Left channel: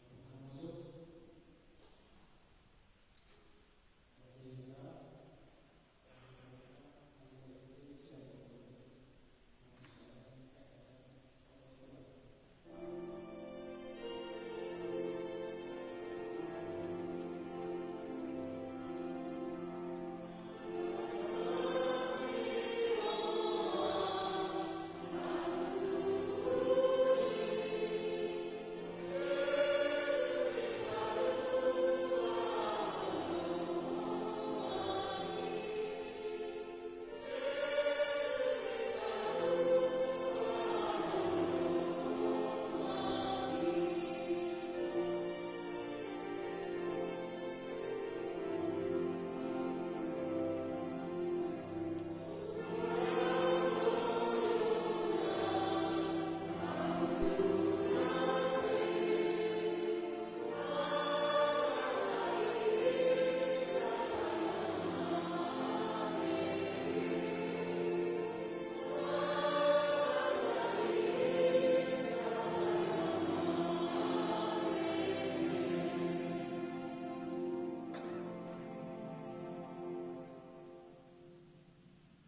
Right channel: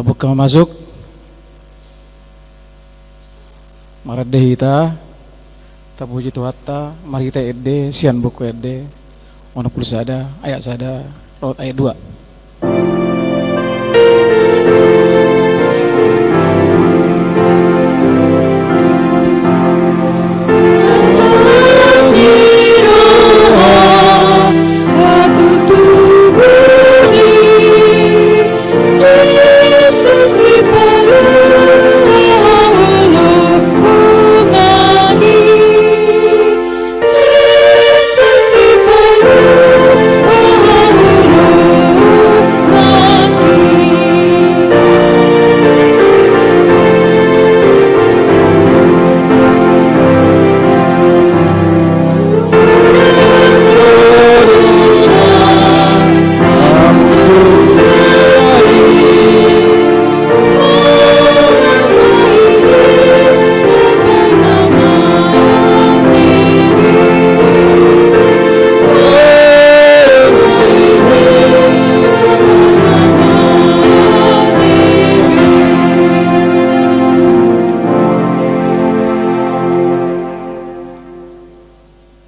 Tabuk masuk maradeh ita tabuji tuhatta mari kita edde sian buku edde ono pulsada ayat sada raut ayat 2.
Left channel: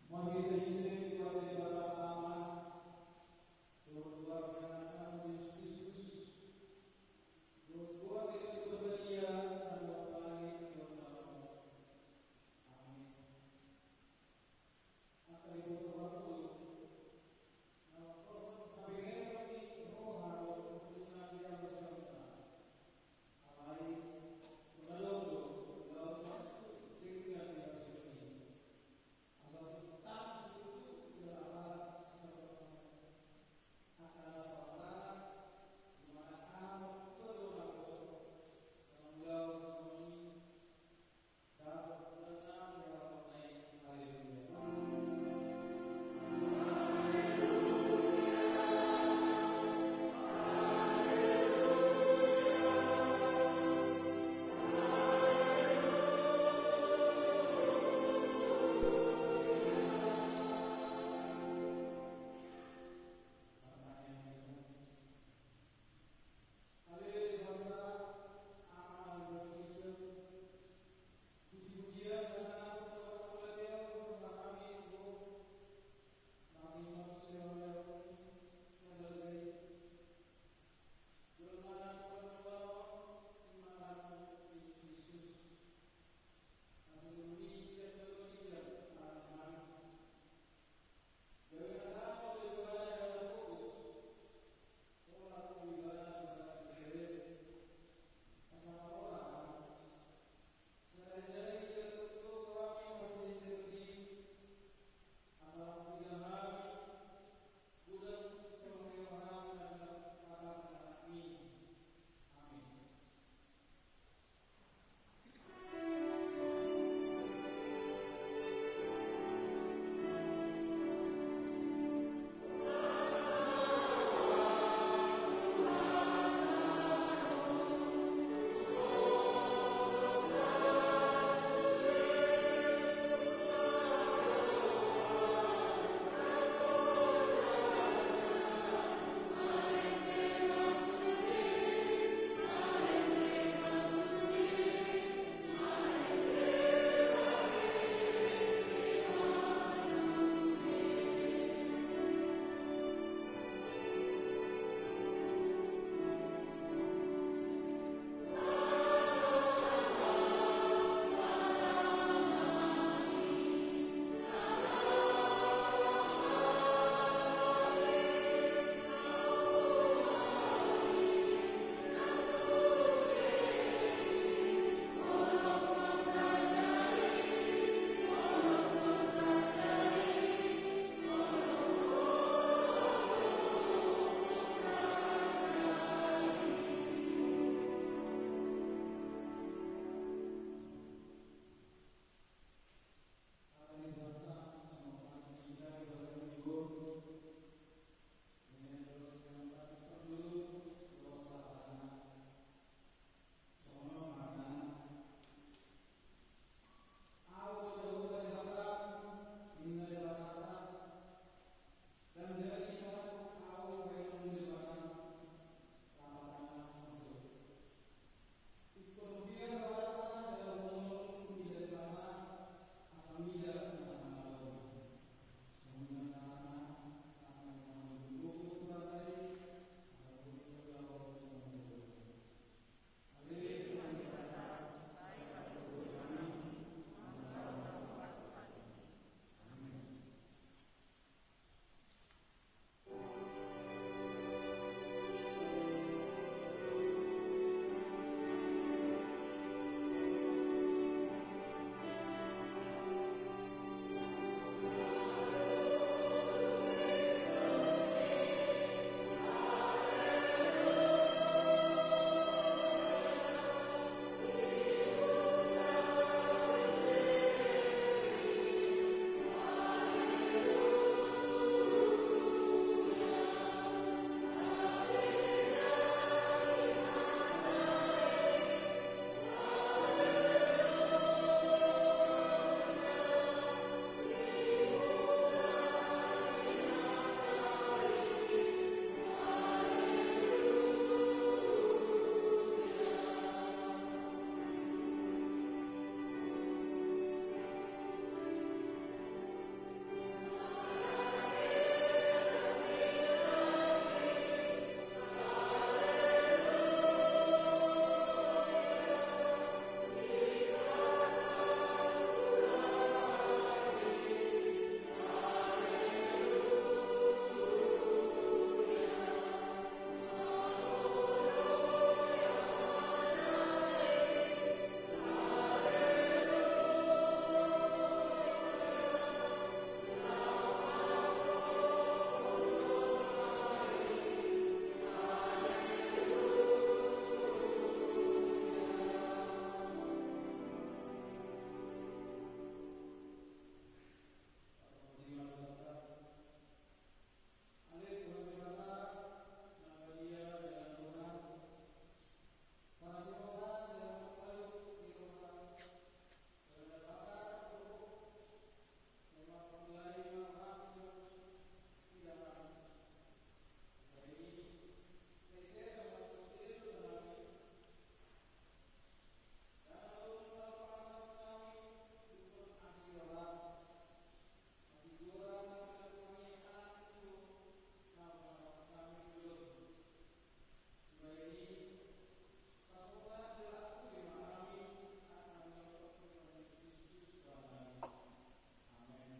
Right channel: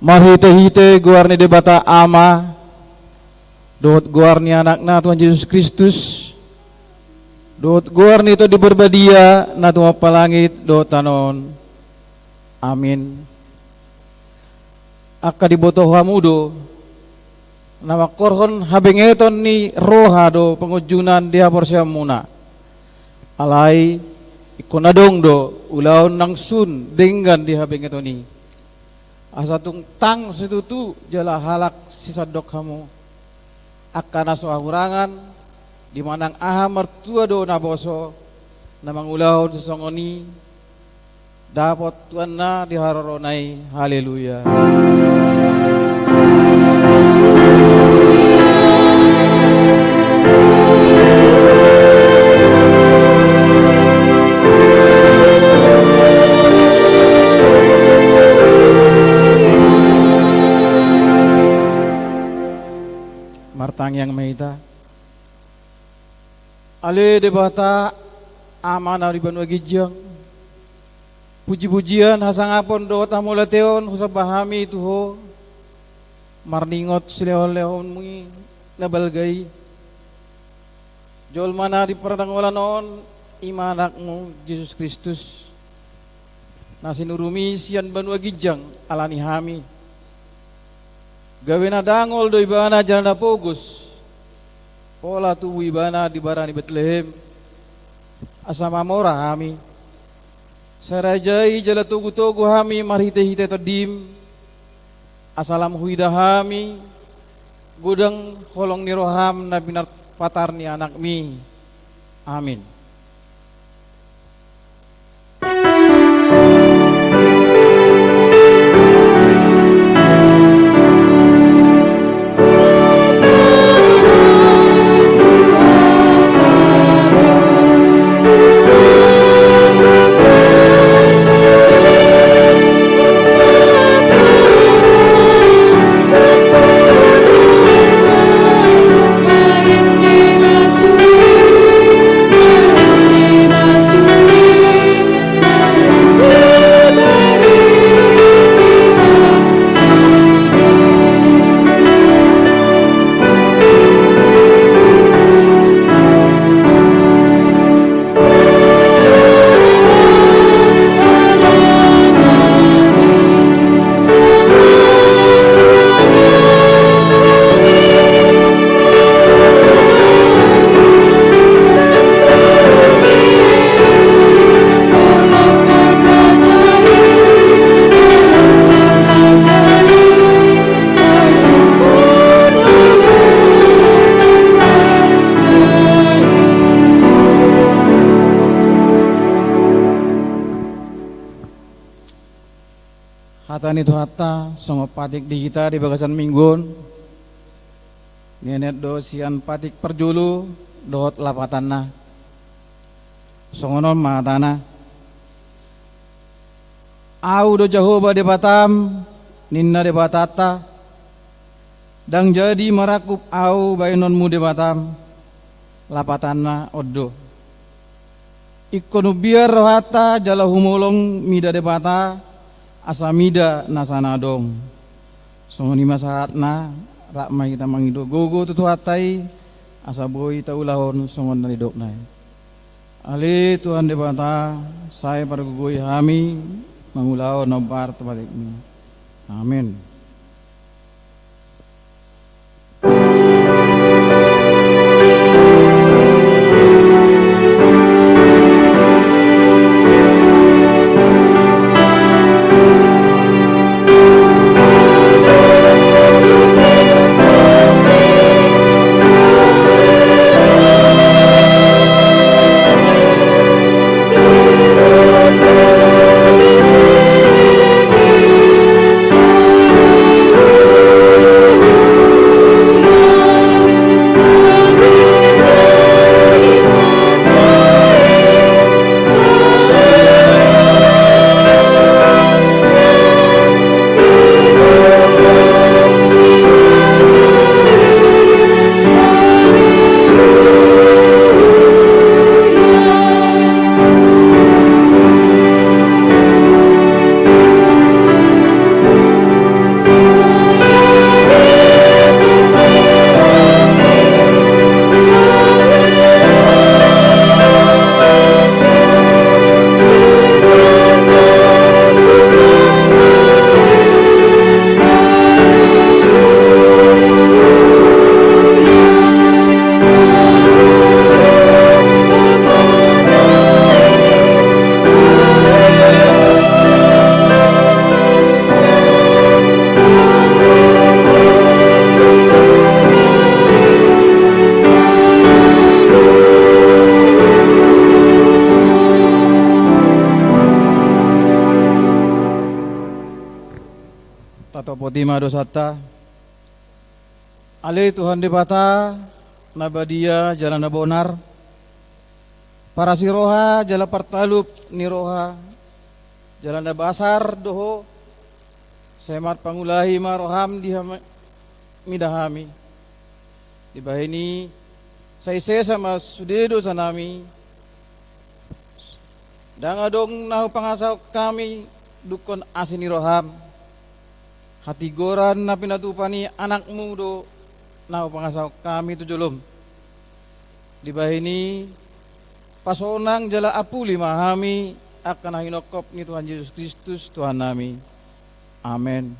Marhite-hite guarni debata ama, dot guarni anakna Tuhan Yesus Kristus, dot guarni itu diberbadia na Tuhan palangit dot tanon. Amin. Aka dibotoh hamudo, nama korhon habengeton ni roha do pengujunan dia porsia muna. Alai ikonadong do ulaon nang sun dengan di habengeton ni. Asa tung tang situtu jala halak sisadok kamu. Akan aso ahurangan di manang aha mertua do naboso namang ulaon sesongoni dapat Tuhan na diharoronai. Haleluya. Martang yang meita ale debata amanah di Banua Gijang puji-pujian hasangapon do tamulateon husab bahami tuho marningot silehon-lehon mungi nabalgai jol mana di pernangwala noon imanakmu Yesus Kristus nasinurumi sian Banua Gijang alani hami gawena dangol do ibana jalana pogus pola tubuh ibana di barani Betlehem asama mora hami sarajai jala tugu-tugu hami marhite-hite todim asalam huida hami gudang holong ni roham na binar patar ni anak mi. Amin. Hatan itu hata sama patik di kita di bagasan minggun nenek do sian patik perjulu dot lapatana songonon matana au do Jehovah de Batam ninna de Batata dang jadi marakup au bainonmu de Batam lapatana oddo ikonu biar rohata jala humolong mida de Bata asamida nasana dong songoni masahatna rakmai kita mangido gogo tutu hatai asaboi taulahon songon dari doknai ale Tuhan de Bata saya pada gugoi hami mangulao nobar tebatik mi. Amin. khotimah dosata ale Tuhan debata nabadia jalan bonar para siroha jala partalup niroha jalan basar doho semat pangulahi maroham midahami di bahini saya sama sudedo sanami dan adong nahu pangasau kami dukon asini roham hati goran na pinatupani anakmu do nahu pangasau kami tujulum di bahini pasonang jala apuli mahami akan hinokop ni Tuhan Yesus Kristus Tuhan nami. Amin.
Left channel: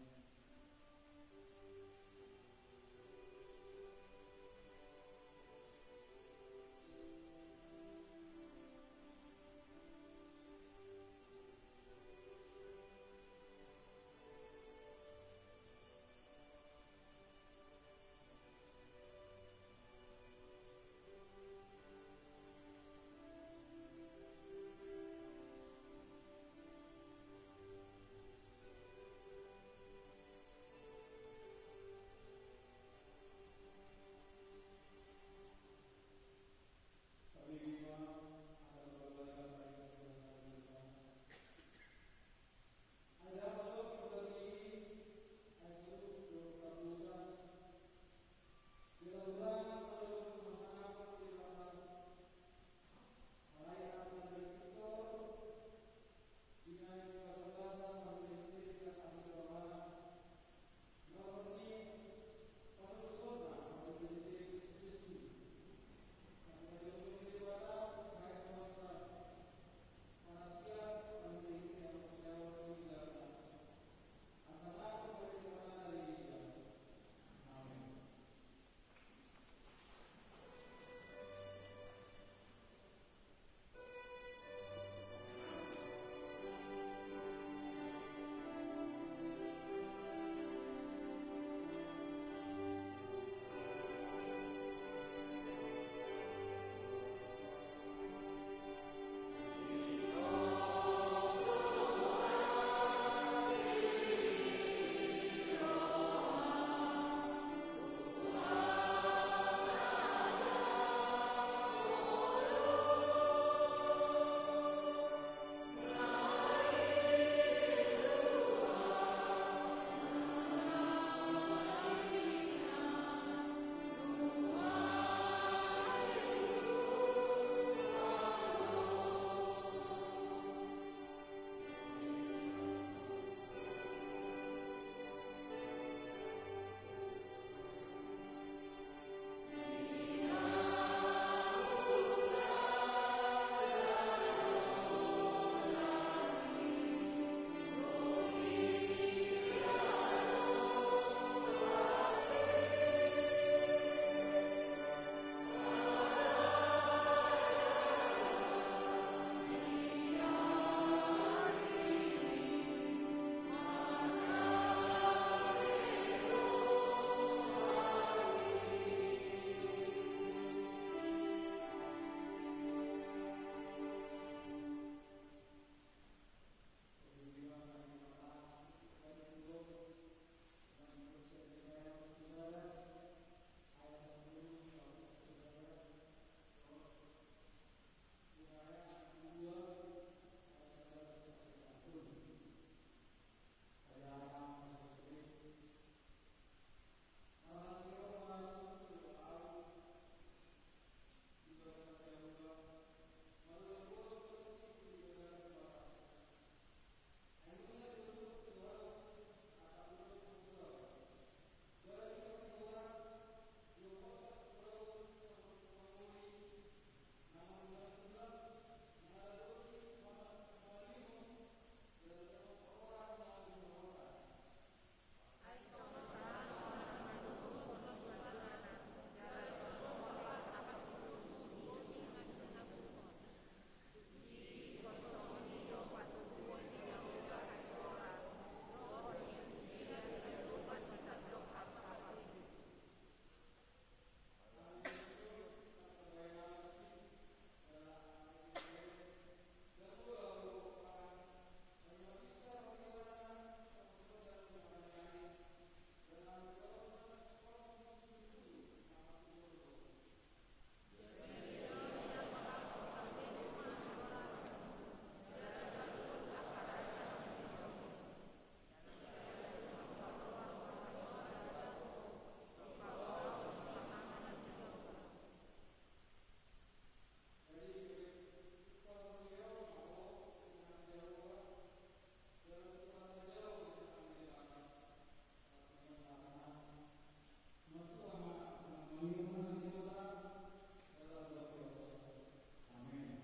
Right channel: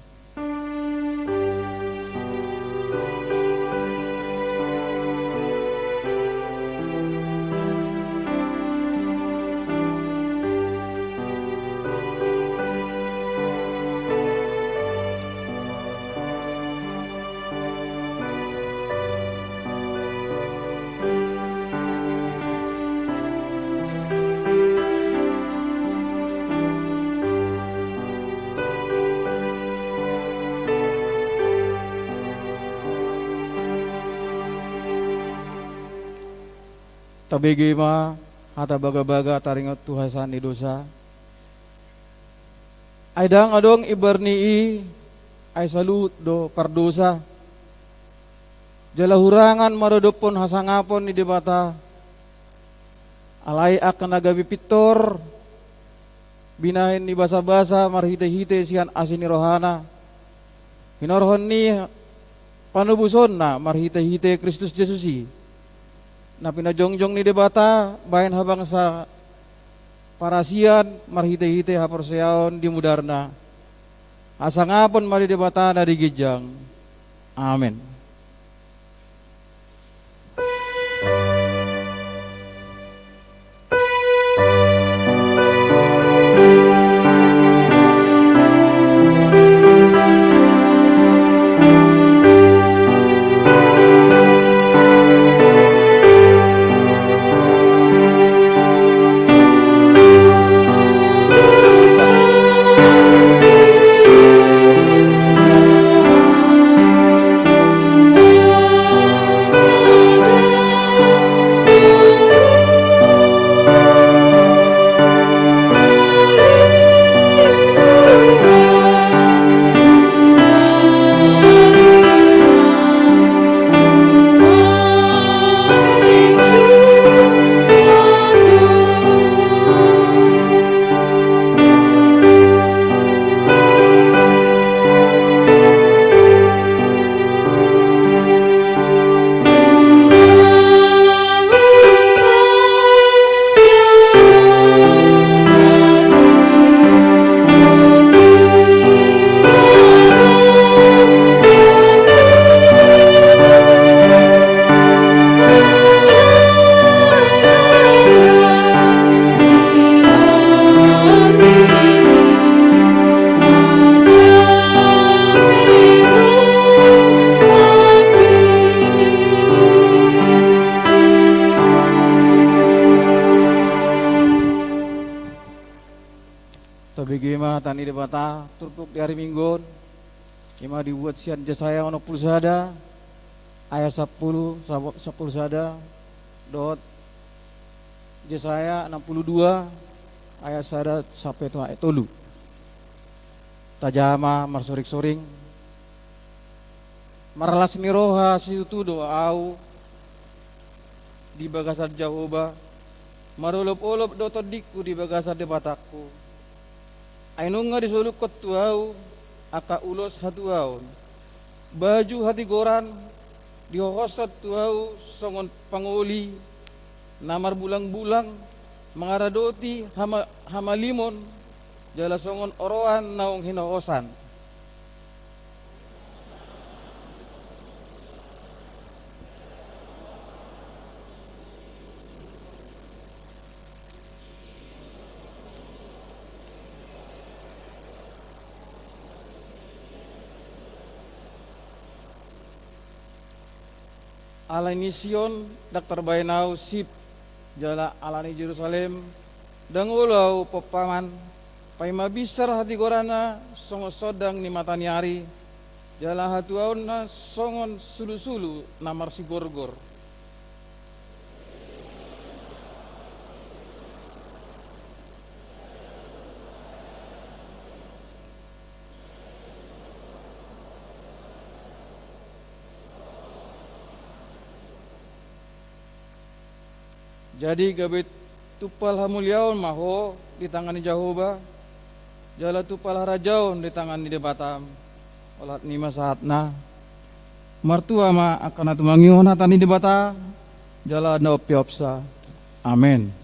Tabigi ma hata baga-baga taringat tuhasan di dosa. Aidang adong ibarnii ay salut do pardosa. Jala hurangan marodopon hasangapon ni debata. Alay akan nagabi pitor. Binahin ni basa-basa marhite-hite sian asini rohana. Hinorhon ni panubuson na marhite-hite Kristus Yesusi. Na pinajongjong ni debata bayan habang sa parasian marhite-hite haporseaon di mudarna asangapon mari debata na digijang. Amen. Tabigima tani debata turpuk di hari Minggu ima dibuat sian jasaya ono pulsada ayat 10 sada dot jasaya 62 ayat sada sampai tu ayat tolu tajama marsorik-soring marlas niroha situ doa au di bagasan Jahoba marolop-olop do todikku di bagasan debatakku ainunga disuluk kotuau aka ulos hatuaun baju hati goran dihohosat tuau songon panguli namar bulang-bulang mangaradoti hamalimon jala songon oroan naung hinohosan alani Sion Dr. Bainau sip jala alani Jerusalem dangulau pepaman paima bisar hati gorana songo sodang ni matani hari Jala hatuaun na songon sulu-sulu namar si gorgor. Jadi gabit tupal hamuliaun maho di tangan ni Jehovah. Jala tupal harajaun di tangan ni Batam. Olat nima saatna. Martua ma akan atu mangion hatani di bata. Jala na opiopsa. Amen.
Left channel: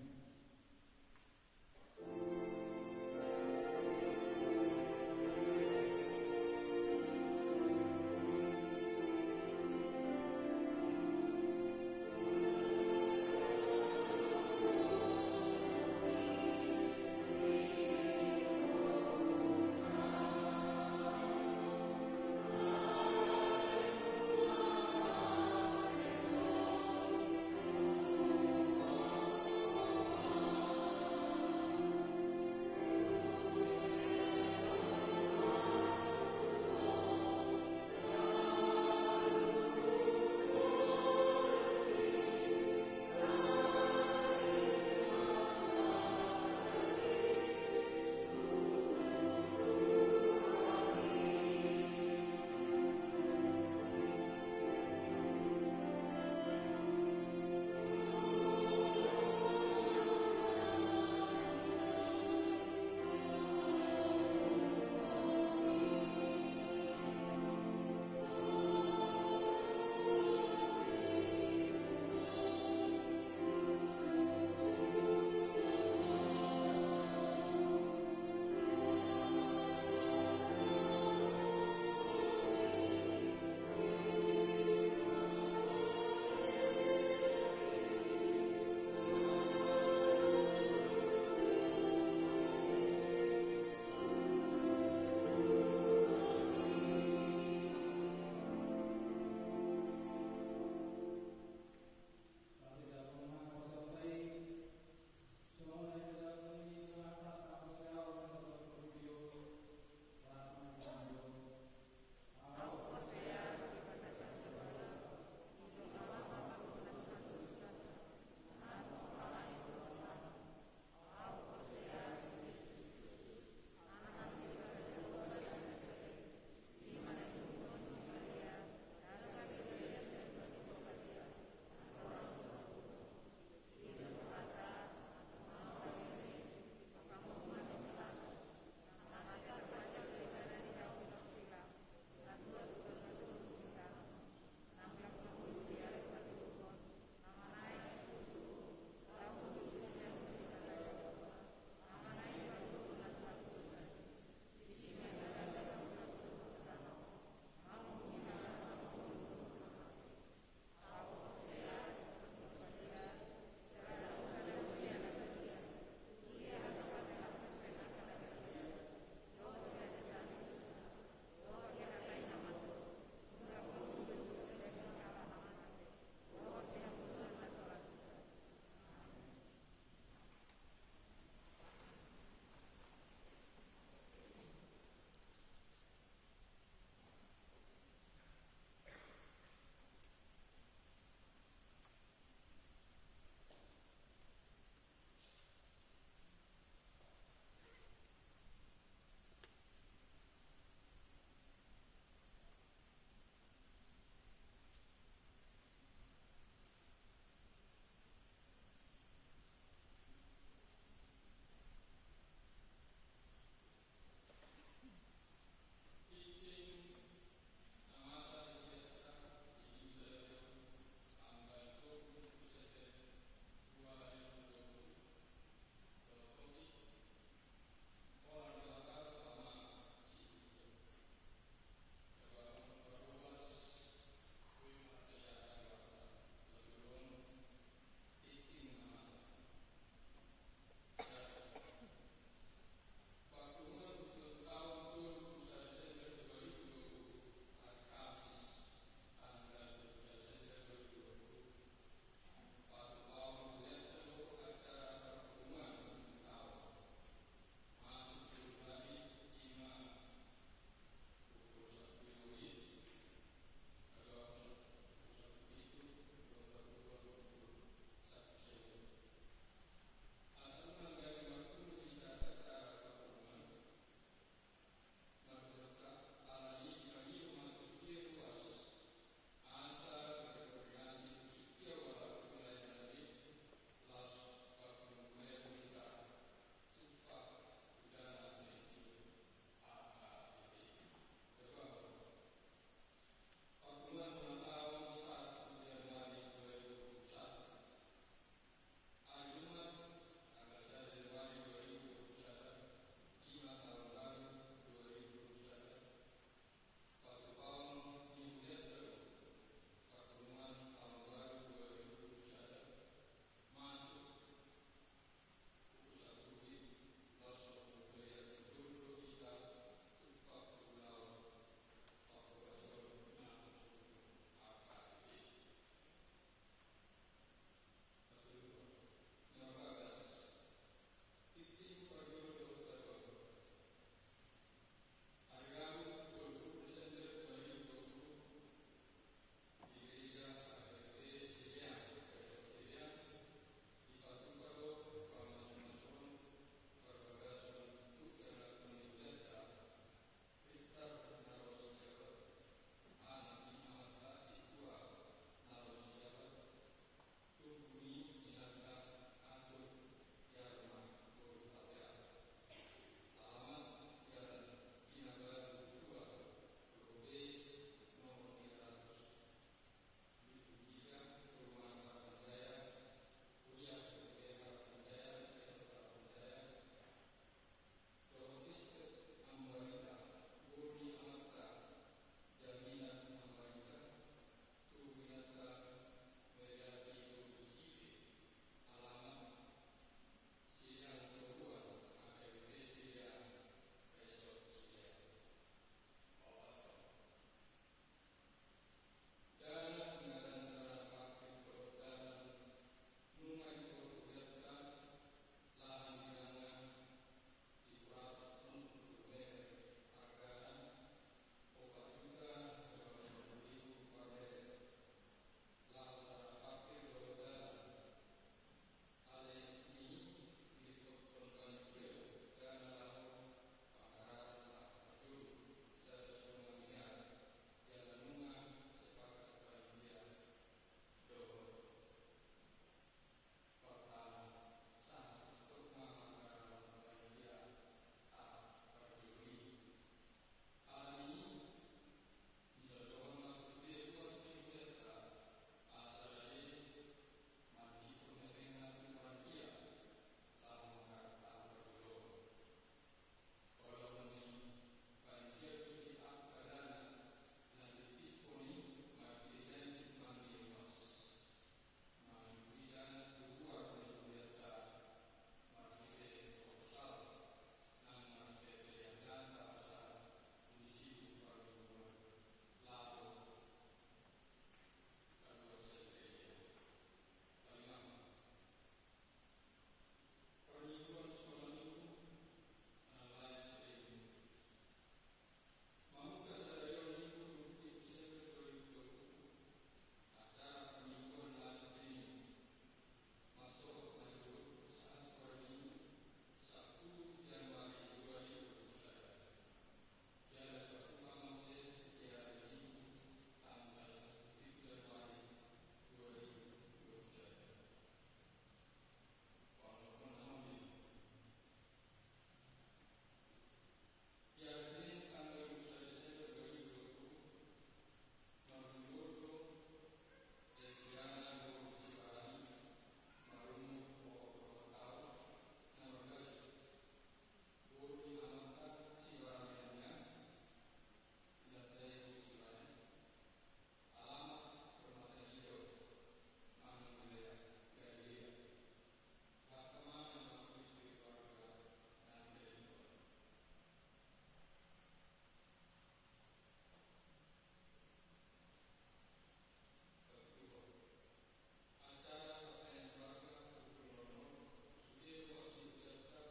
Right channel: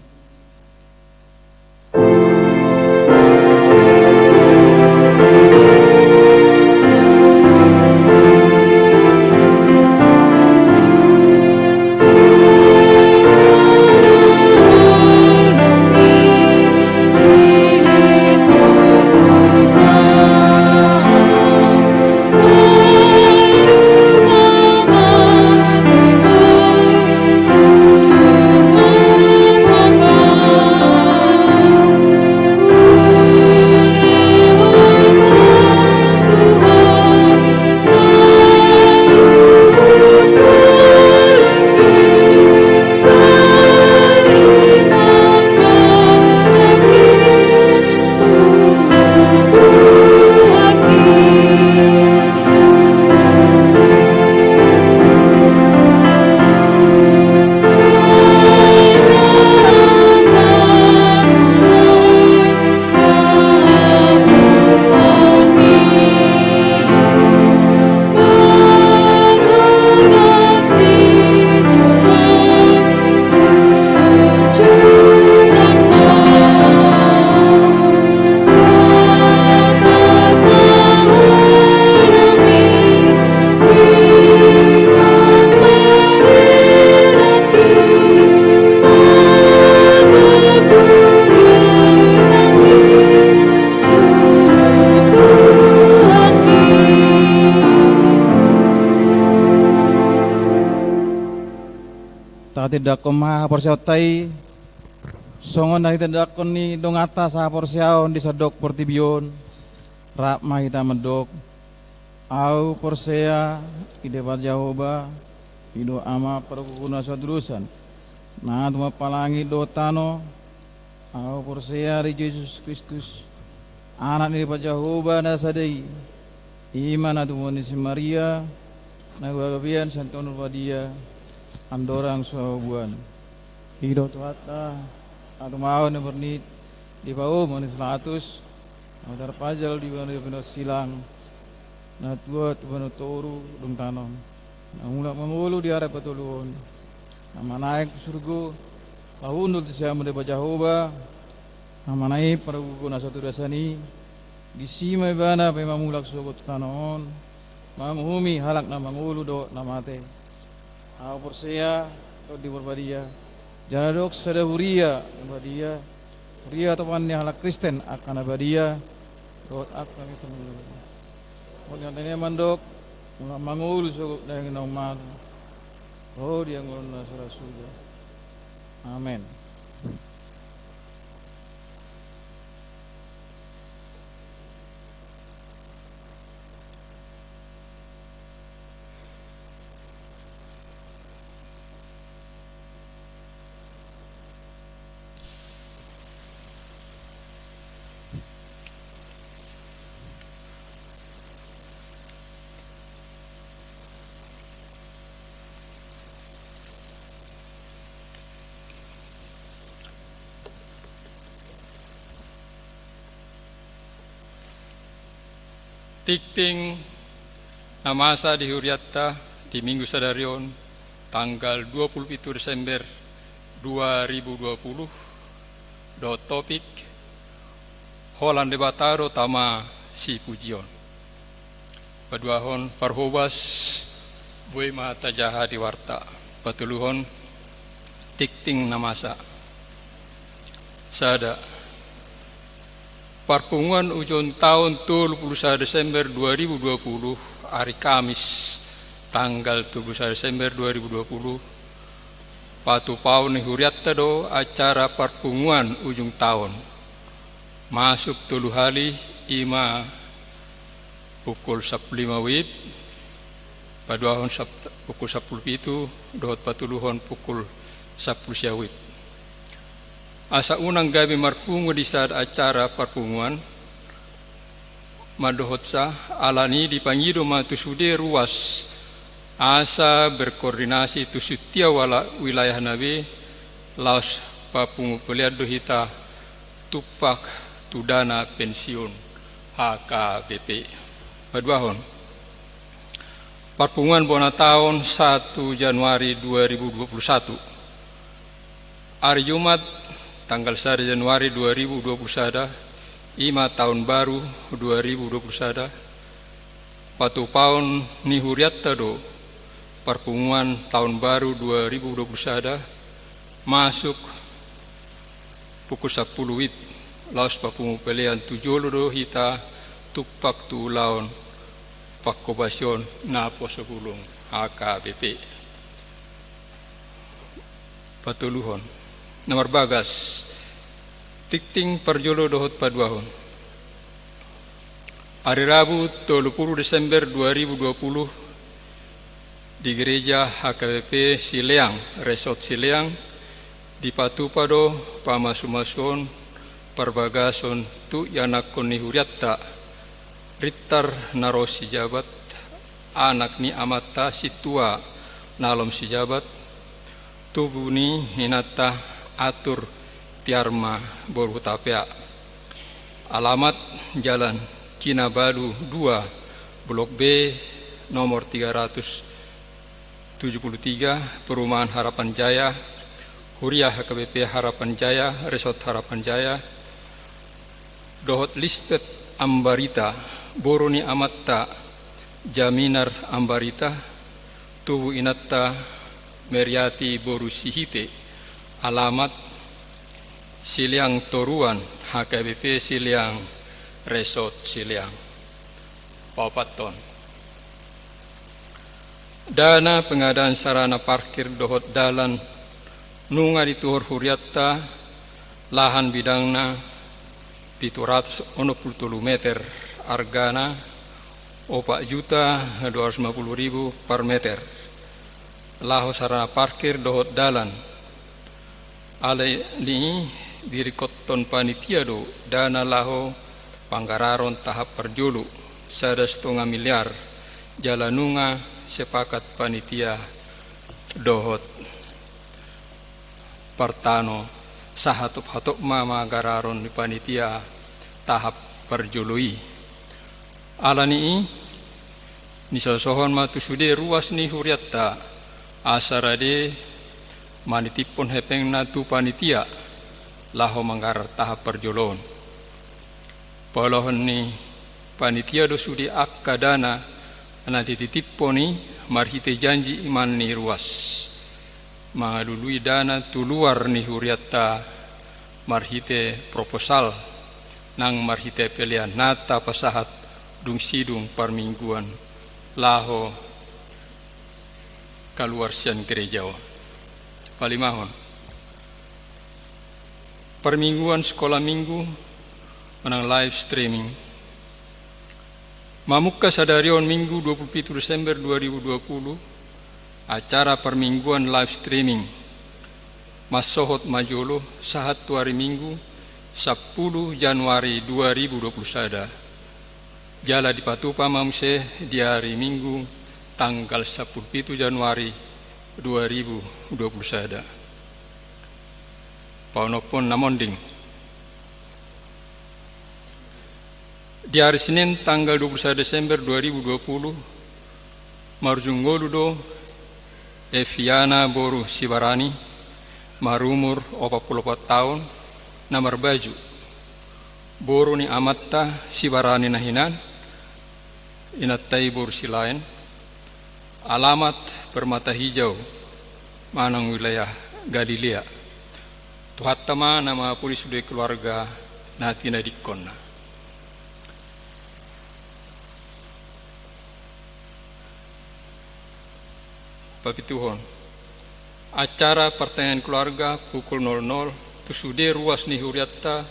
Tidak koma porsiautai songon dari tidak koni dongata sa porsiaon di sadok portibion rak mahita medok au porsea ide Jehovah ido ama perkuna sadurusan nah tuma palangi dotano au porsea di Yesus Kristus anak ni Jehovah na sadai iman atu si Maria na gabian santonul wadia andorang sabuan hidup tuata atau mau bernit di bawah manis 100 motor pajal di bawah silang na tua tu bano toru dong tanom na mulak mengulu di arah patulun nama naik surga lahundul siamu de Jehovah nama naik para guna satu dasani di sima bana pe mamulak sogot tanon mamuhumi halak na mangulu do namate Porsea di berbadia Janadok sada huria badia huria temannya halak Kristen akan abadia rot akan itu mulai tanya mandok mulai mangul suku dengan nomad oh dia ngulna surah sudah amin. Tikting namasa di Huriatta di Minggu Sadarion tanggal 27 Desember 2020 do topik Holan debataro tama si pujion paduahon parhobas bui mata jaha di warta patuluhon tikting namasa sada Perpunguan ujung tahun 31 Desember 2020 hari Kamis tanggal 31 Desember 2020 patu paun huriatta do acara perpunguan ujung tahun masuk tulu hali ima pukul 15 WIB, paduahon pukul 10 itu, dohot patuluhon pukul 10 siang WIB. Asa unang gabi marpungu di saat acara perpunguan, madohot sa alani dipangido matusude ruas asa berkoordinasi tu setiap wilayah nabi laos papungu peliat dohita tupak tudana pensiun HKBP. Paduahon perpunguan bona tahun 1 Januari 2021 hari Jumat tanggal 1 Januari 2021 ima tahun baru 2021 patu paun ni huriatta do perpunguan tahun baru 2021 masuk pukul 10 WIB laos papungu pelian tujolo do hita tupak tu laon pakobasion na posebulung HKBP. Patuluhon nomor bagas tikting perjolo dohot paduahon. Hari Rabu 30 Desember 2020 di gereja HKBP Sileang, Resort Sileang, di Patupado, Pamasumason, Perbagason, tu yanakon ni huriatta, Rittar naros si jabat, anak ni amata situa nalom si jabat, tubuh ni hinata atur Tiarma Borhutapea. Alamat Jalan Kinabalu 2 Blok B nomor 373 Perumahan Harapan Jaya, Huriah HKBP Harapan Jaya, Resort Harapan Jaya. Dohot Listet Ambarita Boroni Amatta Jaminar Ambarita Tubuh Inatta Meriati Borusihite. Alamat Siliang Toruan HKBP Siliang Resort Siliang. Papaton dana pengadaan sarana parkir dohot dalan nunga di tuhur huriatta lahan bidangna 763 meter argana 4.250.000 per meter. Laho sarana parkir dohot dalan alai ni diri koton panitia do dana laho panggararon tahap perjulu 1,5 miliar jalanunga sepakat panitia dohot partano sahatup mama gararon di panitia tahap perjului alani ni sosohon matusude ruas ni huriatta asarade manitipon hepeng natu panitia laho manggar tahap perjolon. Polohon ni panitia do sudi akka dana nanti titiponi marhite janji iman ni ruas. Mangalului dana tuluar ni huriatta marhite proposal nang marhite pelian nata pasahat dung sidung parmingguan laho kaluar sian gereja. Palimahon permingguan sekolah minggu menang live streaming. Mamuka sadarion minggu 27 Desember 2020 acara permingguan live streaming Masohot Majolo sahat hari Minggu 10 Januari 2021. Jala di Patupa Mamse di hari Minggu tanggal 17 Januari 2021. Paunopon namonding. Di hari Senin tanggal 21 Desember 2020 Marjunggoludo Eviana Boru Sibarani marumur 44 tahun namar baju Boru ni amatta Sibarani nahinan inattai Boru silain alamat Permata Hijau Manang wilayah Galilea. Tuhattama nama polis sudah keluarga natina dikonna. Papituhon. Acara pertanyaan keluarga pukul 00 tusude ruas ni huriatta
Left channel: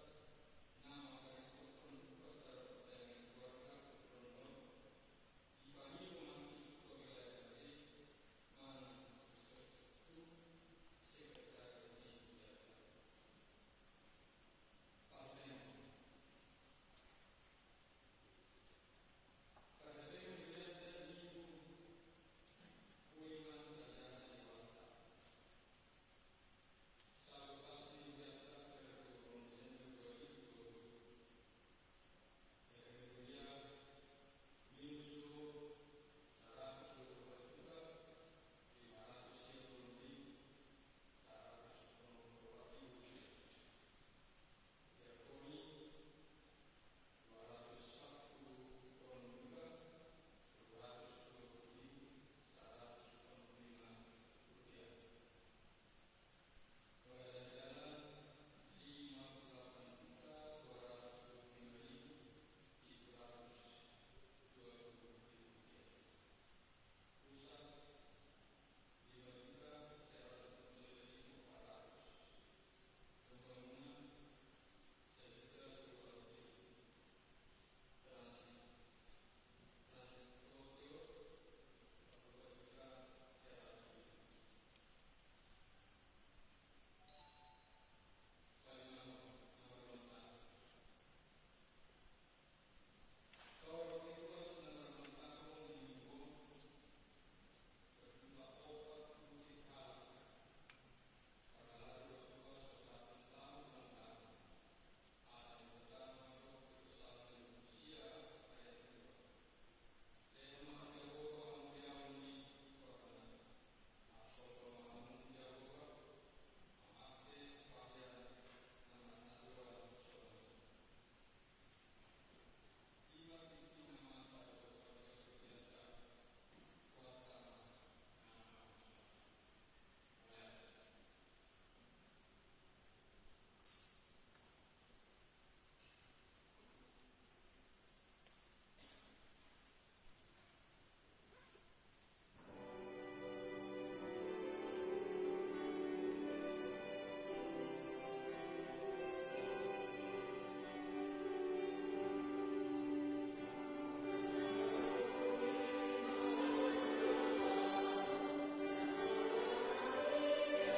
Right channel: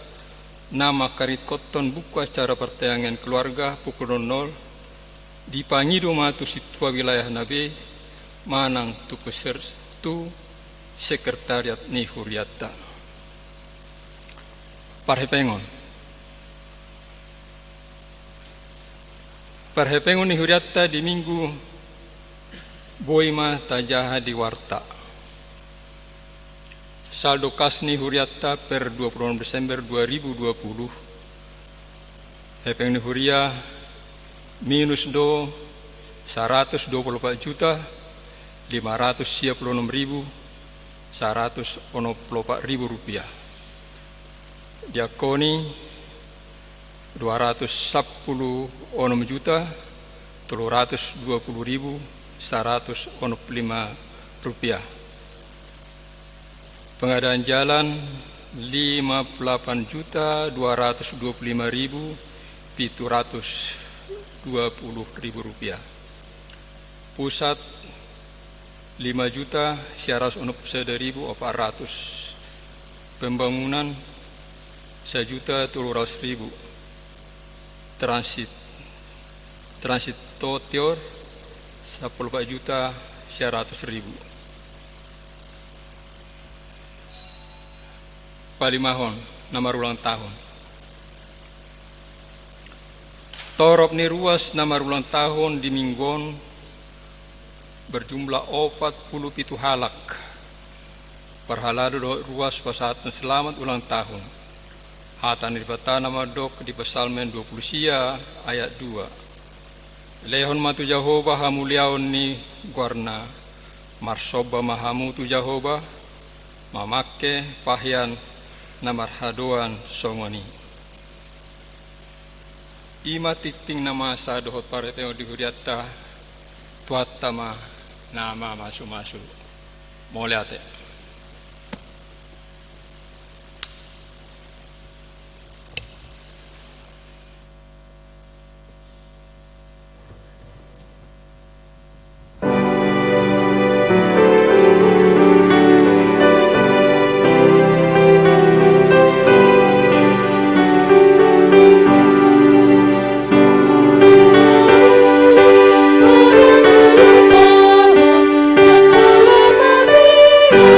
nama karit koton buku acara pertanyaan keluarga pukul 00 dipangido matu situa wilayah nabe manang tu sekretariat ni huriatta. Parhepengon ni huriatta di minggu boima tajaha di warta. Saldo kas ni huriatta per 26 Desember 2020. Hepeng ni huria minus 124 juta 596.184 rupiah. Diakoni 210 juta 320.105 rupiah. Pengadaan jalan 58 juta 225.720 rupiah. Pusat 5 juta 191.400. Pembangunan 1.300.000. Transit totior 14 juta 100.000. Palimahon nama ulang tahun. Torop ni ruas nama ulang tahun di Minggon berjumlah 47 halak. Perhalado ruas pasatan selamat ulang tahun. Hatan dipata nama dok di Psalmen 20 sia ayat 2. Lehon matu Jehovah hamuliaon ni guarna. Marsoba mahamu tu Jehovah mamake pahyan namarhadoan songoni. Ima titing nama sa dohot parepeo di huriatta tuatama nama masu-masu. Moleate. Oh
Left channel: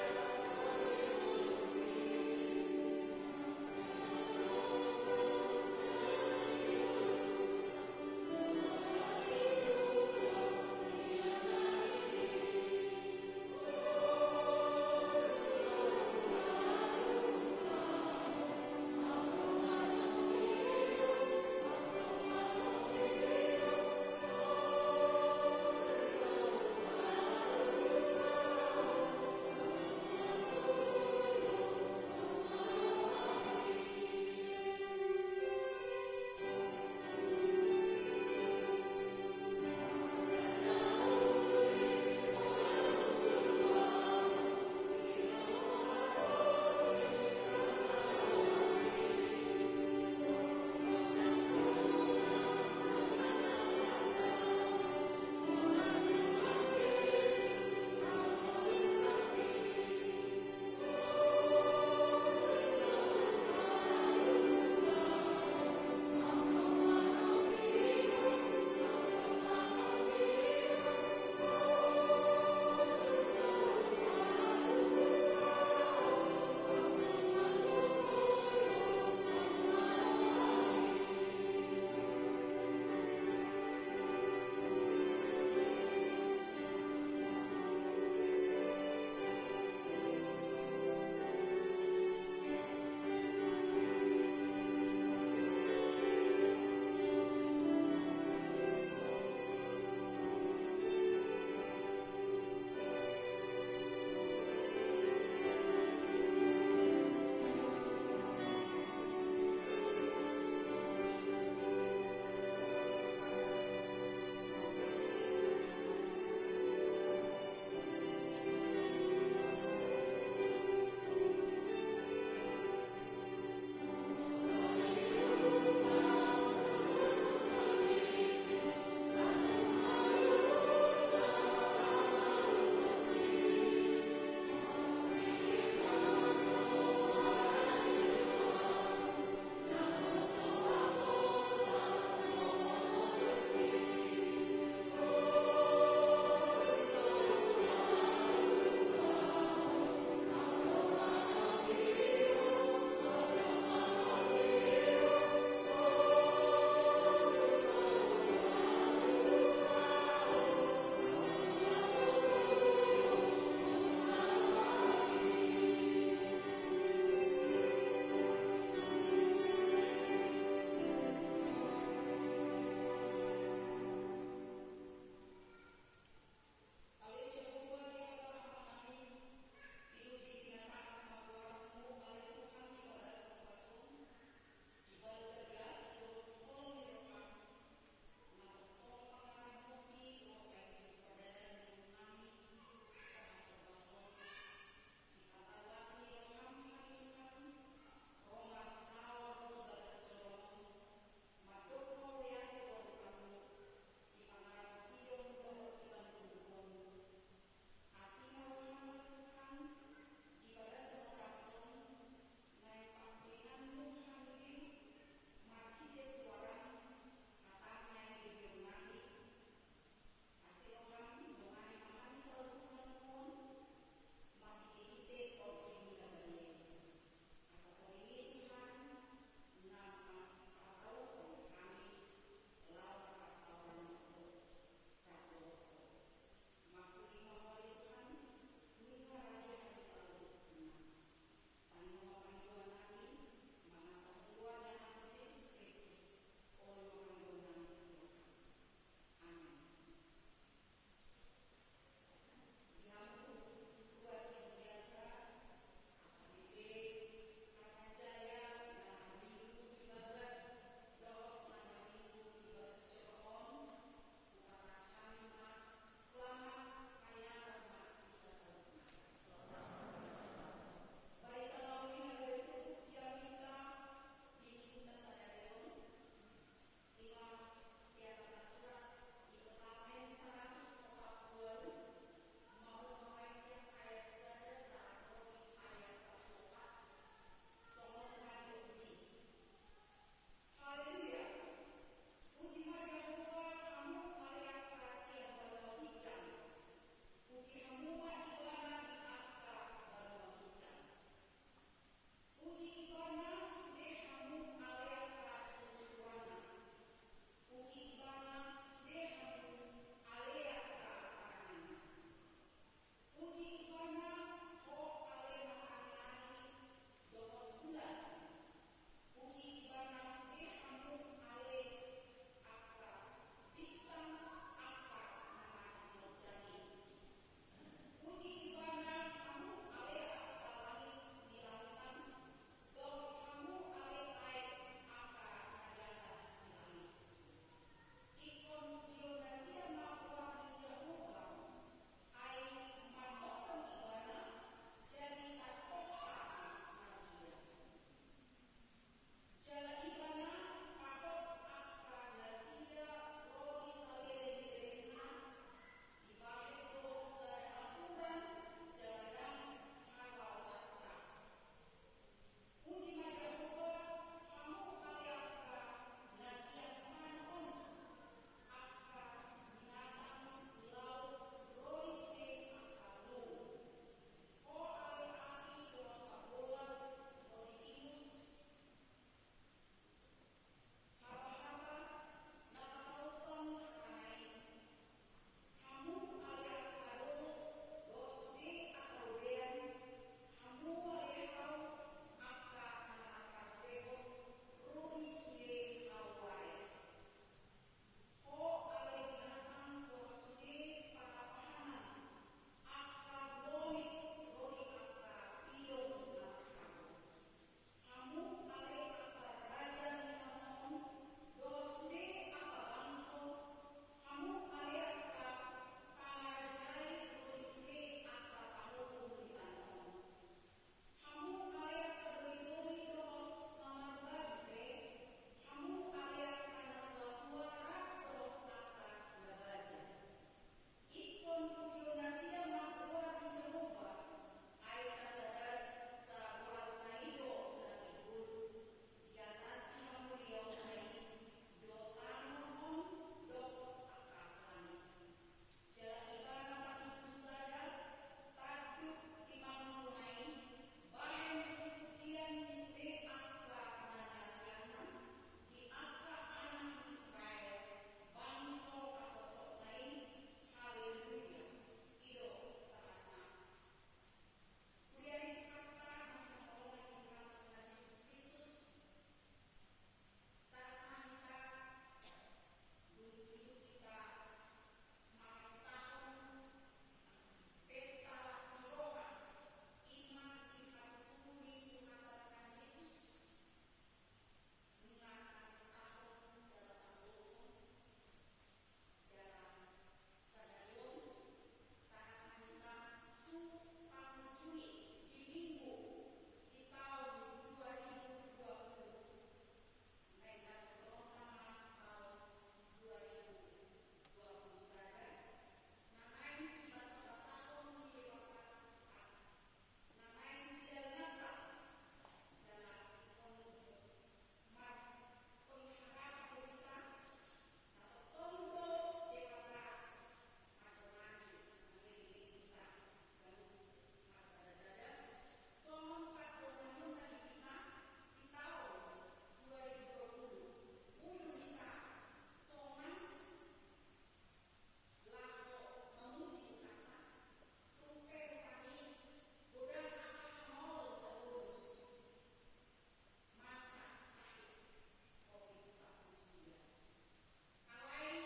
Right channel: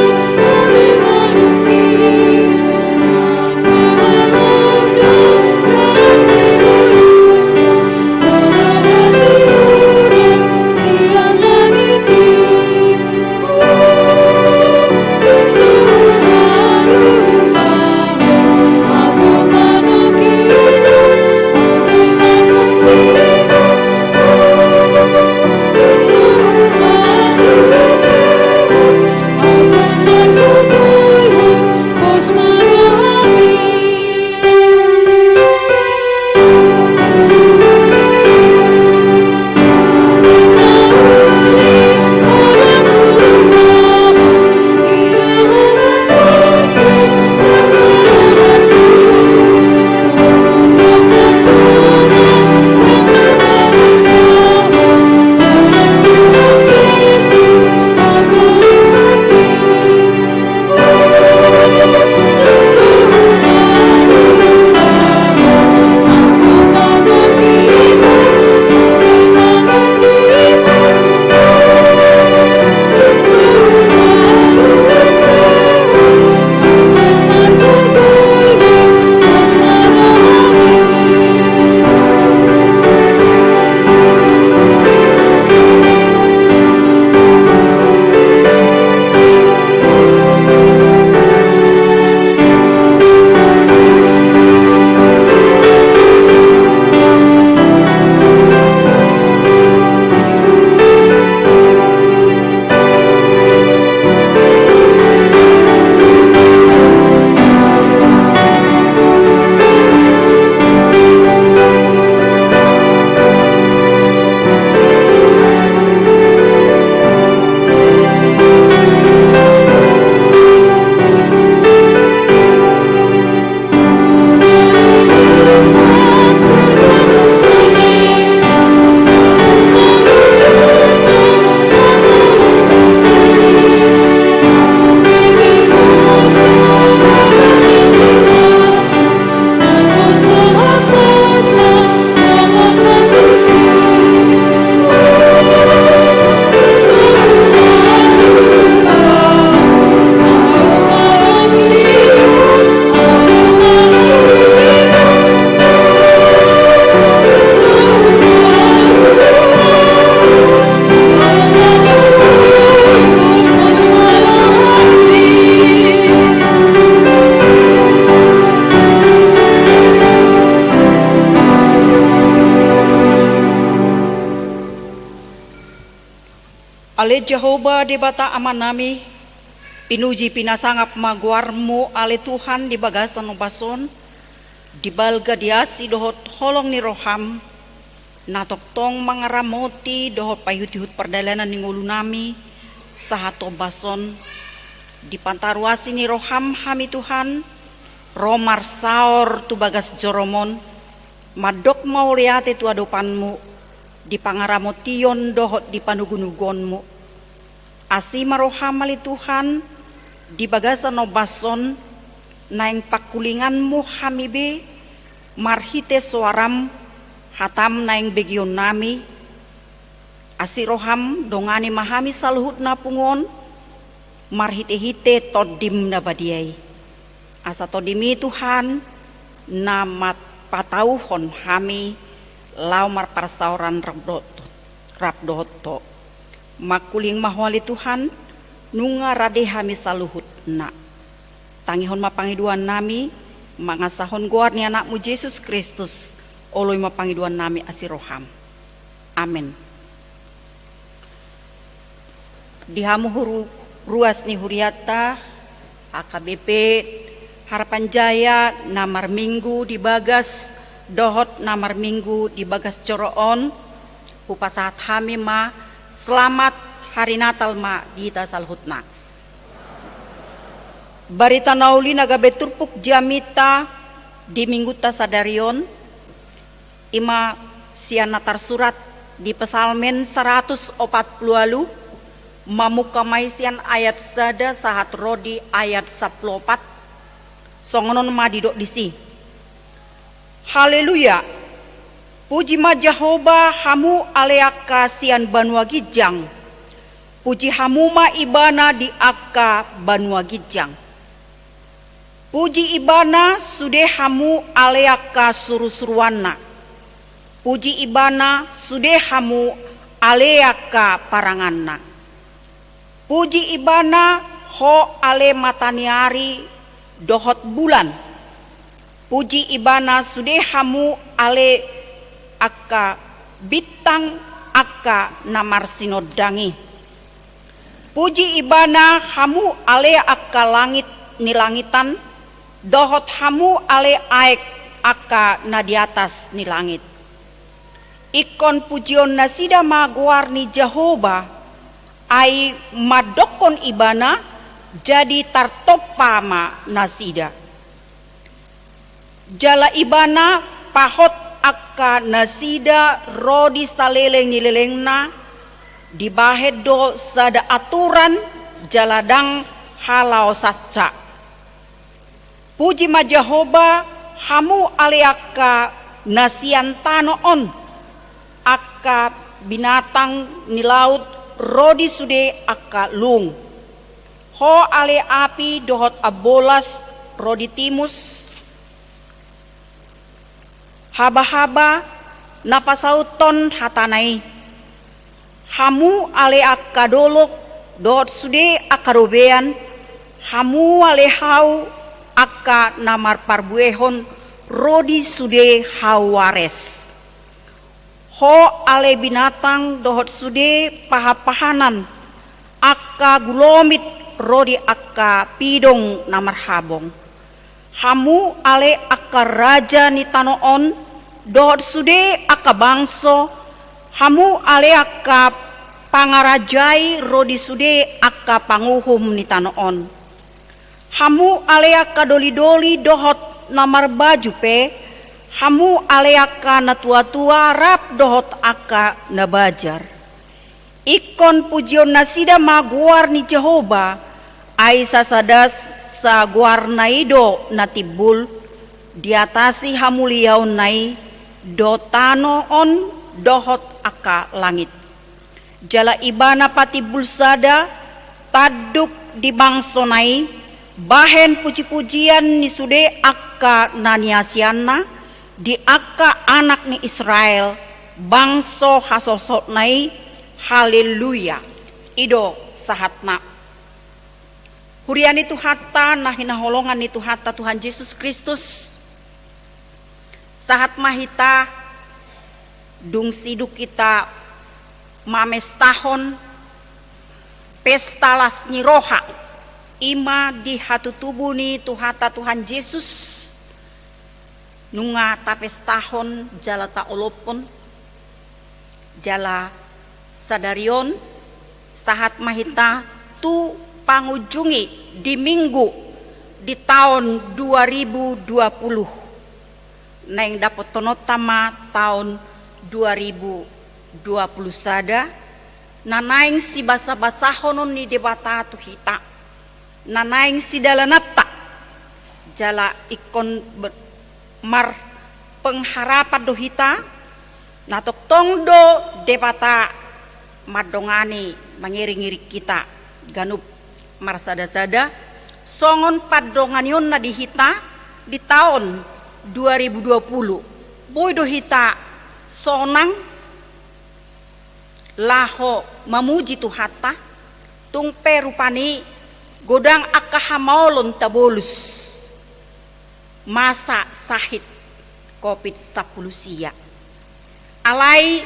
Ale Jehovah di bata amanami, pinuji pinasangap maguarmu ale Tuhan di bagasan obason, di balga diasi dohot holong ni roham, natoktong mangaramoti dohot payut-yut perdalanan ni ngulu nami, sahato bason, di pantaruasi ni roham hami Tuhan, romar saor tu bagas joromon, madok mauliate tu adopanmu, di pangaramotion dohot di panugunugonmu. Asi maroham ali Tuhan, di bagasan obason, naing pakulinganmu hamibe, marhite suaram, hatam naing begion nami, asi roham dongani mahami saluhut na pungon, marhite-hite todim na badiay. Asa todimi Tuhan, na patauhon hami, laumar parsauran rabdoto. Makuling mahwali Tuhan, nunga rade hami saluhut na. Tangihon mapangiduan nami, mangasahon guar ni anakmu Yesus Kristus, oloy mapangiduan nami asiroham. Amin. Dihamu ruas ni huriata, AKBP Harapan Jaya, namar minggu di bagas, dohot namar minggu di bagas coroon, upasahat hami ma, selamat hari Natal ma di tasalhutna. Barita nauli nagabe turpuk jamita di minggu tasadarion, ima sian natar surat di pesalmen 140 mamuka maisian ayat sada sahat rodi ayat 14 songonon madidok disi. Haleluya. Puji ma Jehovah hamu aleaka sian banua gijang. Puji hamu ma ibana di aka banua gijang. Puji ibana sude hamu aleaka suru-suruana. Puji ibana sude hamu aleaka paranganna. Puji ibana ho ale mataniari dohot bulan. Puji ibana sude hamu ale aka bintang aka namar sinodangi. Puji ibana hamu ale aka langit ni langitan, dohot hamu ale aek aka na di atas ni langit. Ikon pujion nasida maguar ni Jehovah, ai madokon ibana jadi tartopama nasida. Jala ibana pahot aka nasida rodi saleleng nilelengna, dibahed do sada aturan jaladang halau sasca. Puji ma Jehovah hamu aleaka nasian tanoon, aka binatang ni laut rodi sude aka lung. Ho ale api dohot abolas rodi timus, haba-haba napasauton hatanai. Hamu ale aka dolok dohot sude aka robean, hamu ale hau aka namar parbuehon rodi sude hawares. Ho ale binatang dohot sude paha-pahanan, aka gulomit rodi aka pidong namar habong. Hamu ale aka raja ni tanoon, dohot sude aka bangso, hamu ale aka pangarajai rodi sude aka panguhum ni tanoon. Hamu ale aka doli-doli dohot namar baju pe, hamu ale aka na tua-tua rap dohot aka na bajar. Ikon pujion nasida maguar ni Jehovah, ai sasadas sa guar naido natibul, diatasi hamuliau nai do tanoon dohot aka langit. Jala ibana patibul sada taduk di bangsonai, bahen puji-pujian ni sude aka naniasianna, di aka anak ni Israel, bangso hasosot nai, haleluya. Ido sahatna. Hurian itu hatta nah hinaholongan itu hatta Tuhan Yesus Kristus. Sahat mahita dung siduk kita mames tahun pesta lasni roha ima di hatu tubuh ni tuhata Tuhan Yesus nunga tapestahon jala ta olopon jala sadarion sahat mahita tu pangujungi di minggu di tahun 2020 neng dapat tonotama tahun 2020 sada nanaing si basa-basa honon ni debata tu hita nanaing si dalanata jala ikon mar pengharapan do hita natok tongdo debata madongani mangiri-ngiri kita ganup marsada-sada songon padonganion na di hita di tahun 2020 boy do hita sonang laho mamuji tuhata tungpe rupani godang akahamolon tabolus masa sahid COVID-10 sia alai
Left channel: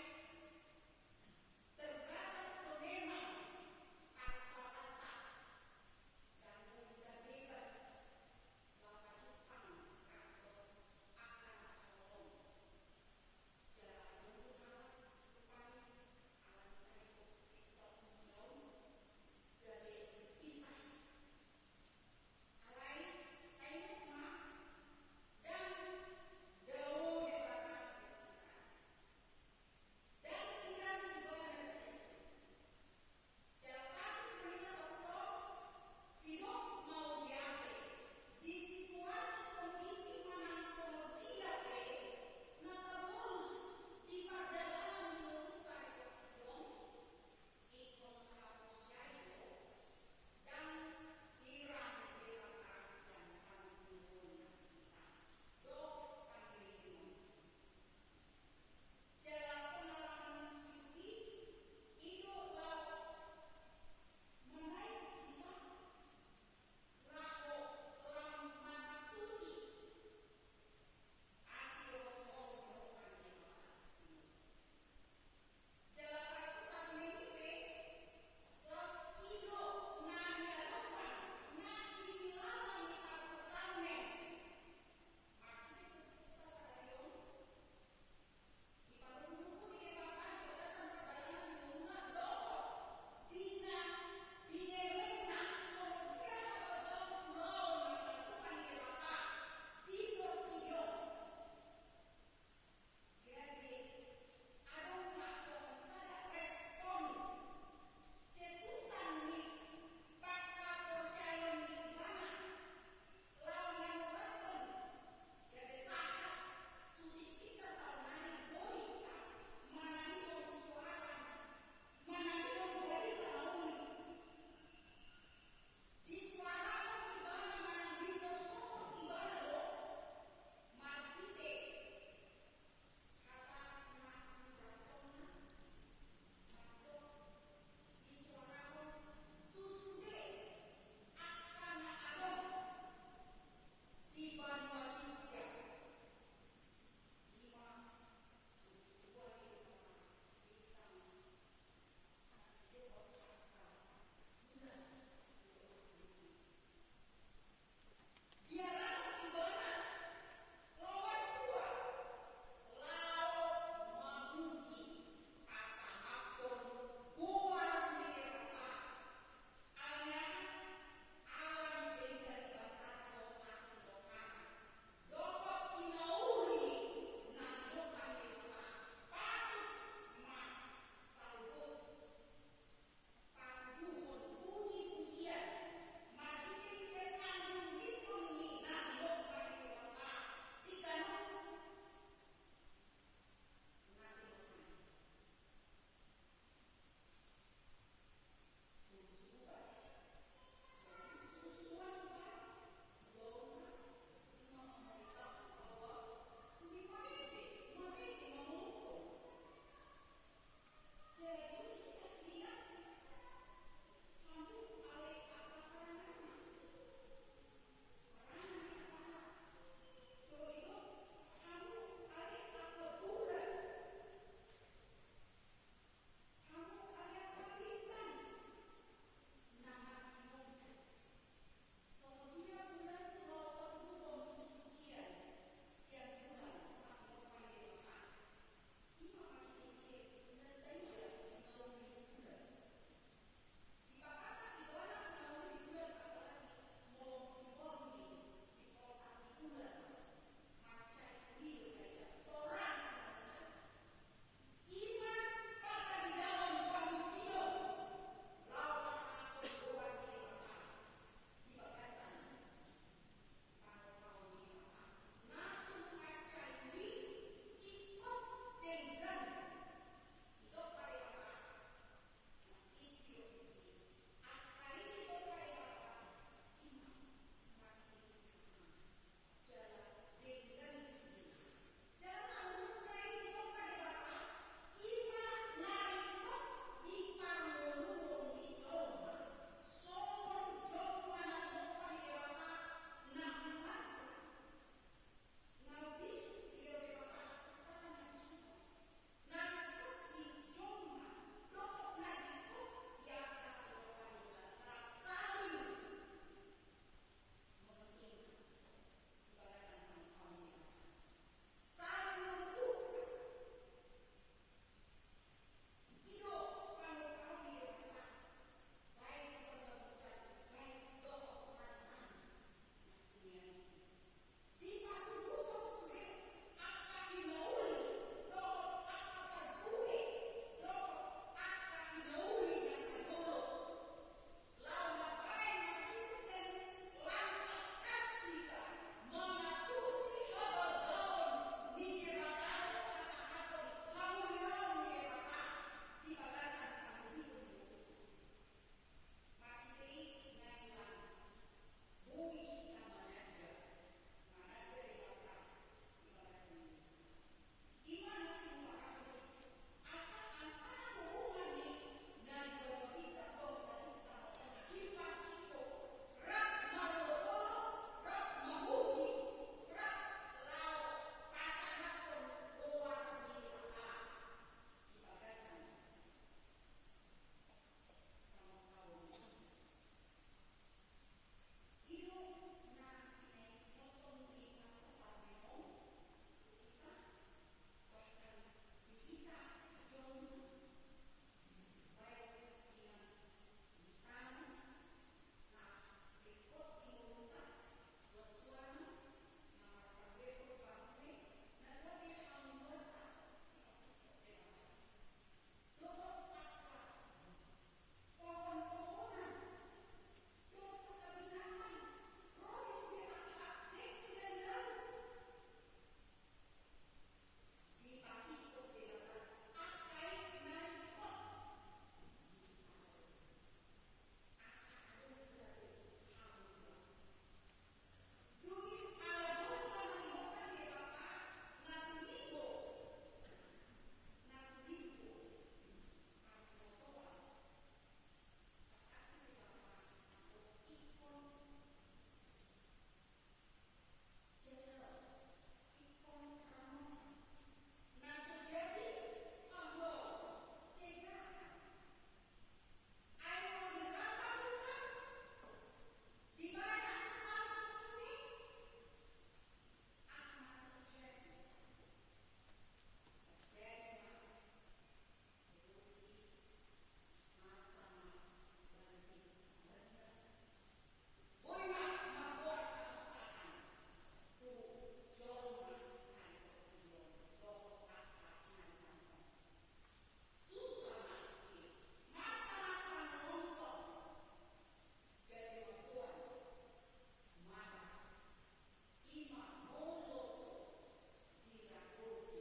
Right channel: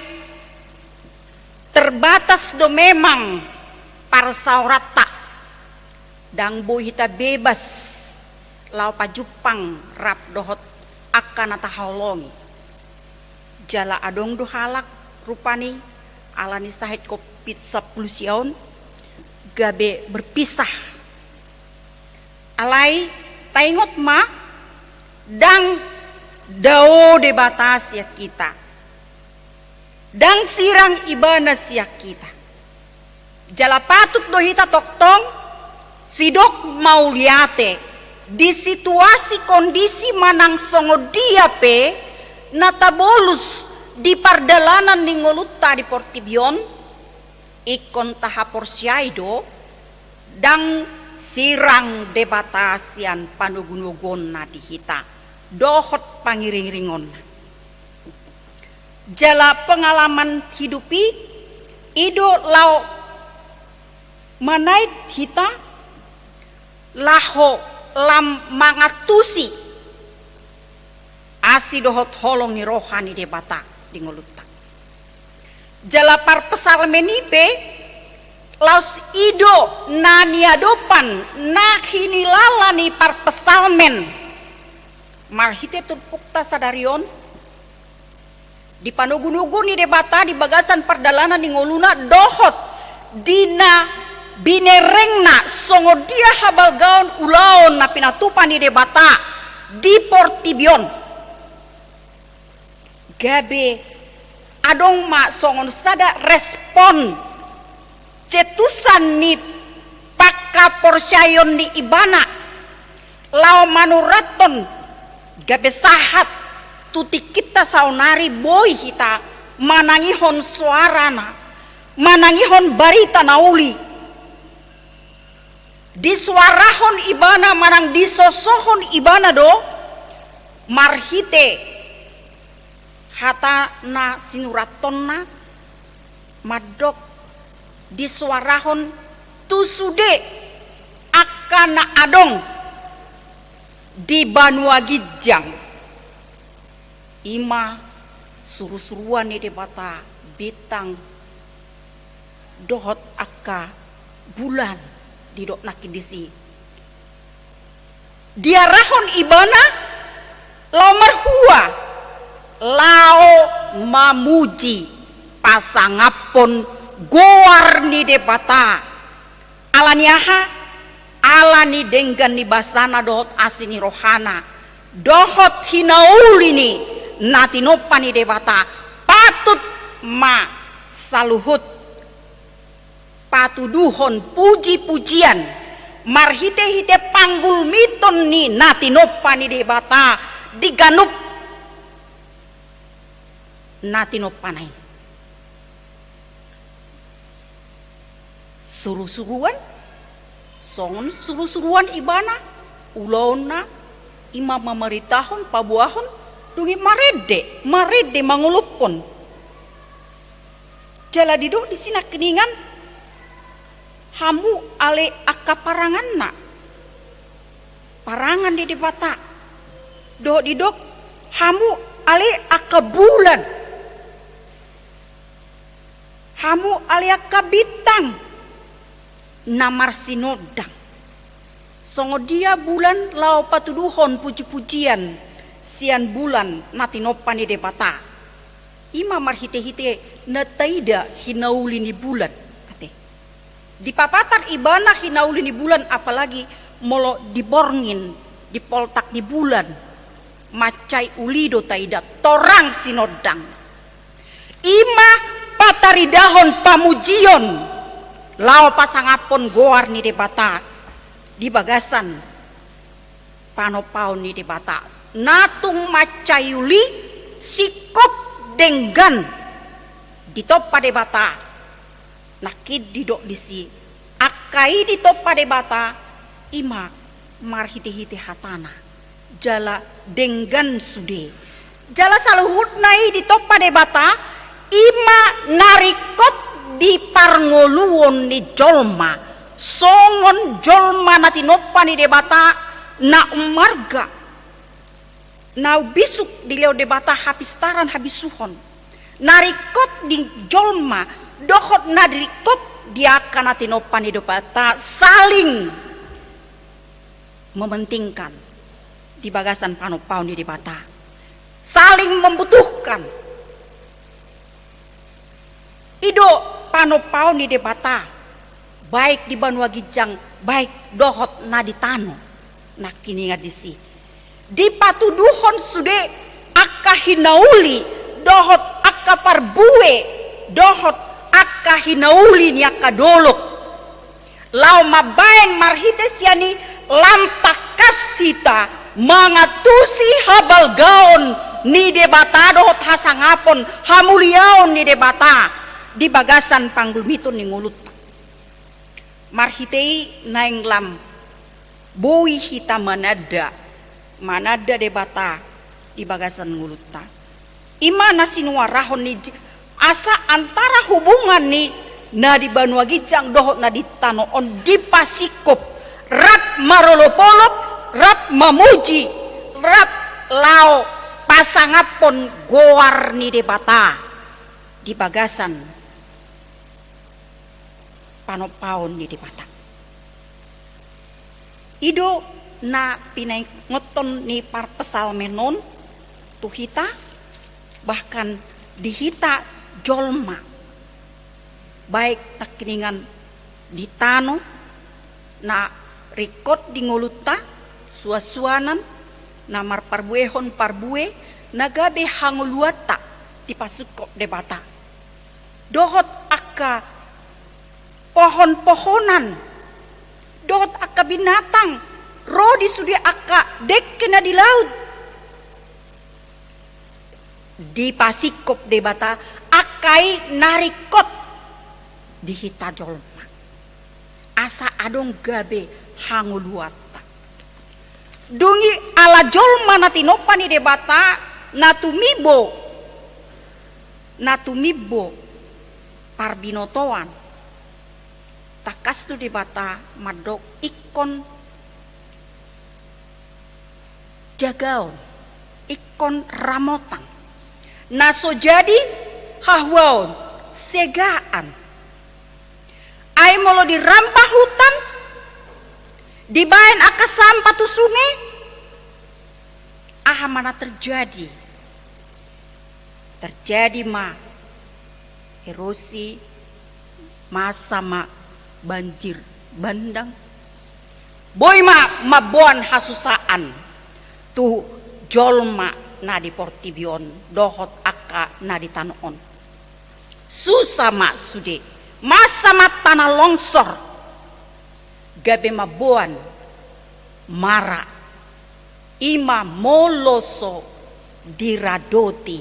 terbatas do memang parsaurata dang boy hita bebas lau pajupang rap dohot akan ataholongi jala adong do halak rupani alani sahid COVID-10 siaon gabe berpisah alai taingot ma dang dao de batas ya kita dang sirang ibana siya kita jala patut do hita toktong sidok mau liate di situasi kondisi manang songo dia pe natabolus di pardalanan ni ngolutta di Portibion ikon tahapor syaido dang sirang debatasian panugun-ugon na di hita dohot pangiring-ringon jala pengalaman hidupi ido lau manait hita laho lam mangatusi asi dohot holong ni rohani debata di ngolutta jala par pesalmenipe laus ido na niadopan na hinilala ni par pesalmen marhite turpukta sadarion di panugun-ugun ni debata di bagasan pardalanan ni ngoluna dohot dina binerengna songo dia habal gaon ulaon na pinatupan ni debata di Portibion gabe adong ma songon sada respon cetusan ni pakka porsyayon ni ibana lao manuraton gabe sahat tuti kita saunari boy hita manangihon suarana manangihon barita nauli di suarahon ibana manang disosohon ibana do marhite hata na sinuratonna madok di suarahon tusude akan adong di Banua Gijang ima suru-suruan ni debata bitang dohot akka bulan di dok nakidisi diarahon ibana lao marhua lao mamuji pasangapon goar ni debata alaniaha alani denggan ni basana dohot asini rohana dohot hinauli ni natinopa ni debata patut ma saluhut patuduhon puji-pujian marhite-hite panggul miton ni natinopa ni debata diganup natinopanay suruh-suruan songon suruh-suruan ibana ulon na ima mamaritahon pabuahon dungi marede mangulupon jala dido di sina keningan hamu ale akka parangan na parangan di debata do didok hamu ale akka bulan hamu ale akka bintang namar sinodang. Songo dia bulan lao patuduhon puji-pujian sian bulan natinopan ni debata. Ima marhite-hite nataida hinauli ni bulan. Ate. Di papatar ibana hinauli ni bulan apalagi molo diborngin di poltak ni bulan. Macai ulido taida torang sinodang. Ima pataridahon pamujion lao pasangapon goar ni debata di bagasan panopaon ni debata natung macayuli sikop denggan di topa debata nakid didok disi akai di topa debata ima marhiti-hiti hatana jala denggan sude jala saluhut nai di topa debata ima narikot di parngoluon ni jolma songon jolma na tinopa ni debata na umarga na bisuk di leo debata hapistaran habisuhon narikot di jolma dohot na dirikot dia kana tinopa ni debata saling mementingkan di bagasan panopau ni debata saling membutuhkan ido panopau ni debata baik di Banua Gijang baik dohot na di tano nak kini ngadisi di patuduhon sude akka hinauli dohot akka parbue dohot akka hinauli ni akka dolok lau mabaen marhite siani lantak kasita mangatusi habal gaon ni debata dohot hasangapon hamuliaon ni debata di bagasan panggulmitun ni ngulut marhitei naing lam boi hita manada debata di bagasan nguluta imana sinua rahon ni asa antara hubungan ni na di Banua Gijang dohot na di tanoon di pasikop rap marolopolop rap mamuji rap lao pasangapon goar ni debata di bagasan panopaon ni debata ido na pinay ngoton ni parpesal menon tuhita bahkan dihita jolma baik nakiningan di tano na rikot di ngoluta suasuanan namar parbuehon parbue nagabe hanguluata di pasukop debata dohot akka pohon-pohonan dohot akka binatang rodi sudi akka dek kena di laut di pasikop debata akai narikot di hita jolma asa adong gabe hanguluata dungi ala jolma natinopa ni debata natumibo parbinotoan takas tu debata madok ikon jagaon ikon ramotang naso jadi hahwaon segaan ai molo dirampah hutan dibaen aka sampah tu sungai aha mana terjadi ma erosi masa ma banjir bandang boy mabuan hasusaan tu jolma na di Portibion dohot akka na di tanoon susah ma sude masa ma tanah longsor gabe mabuan mara ima moloso diradoti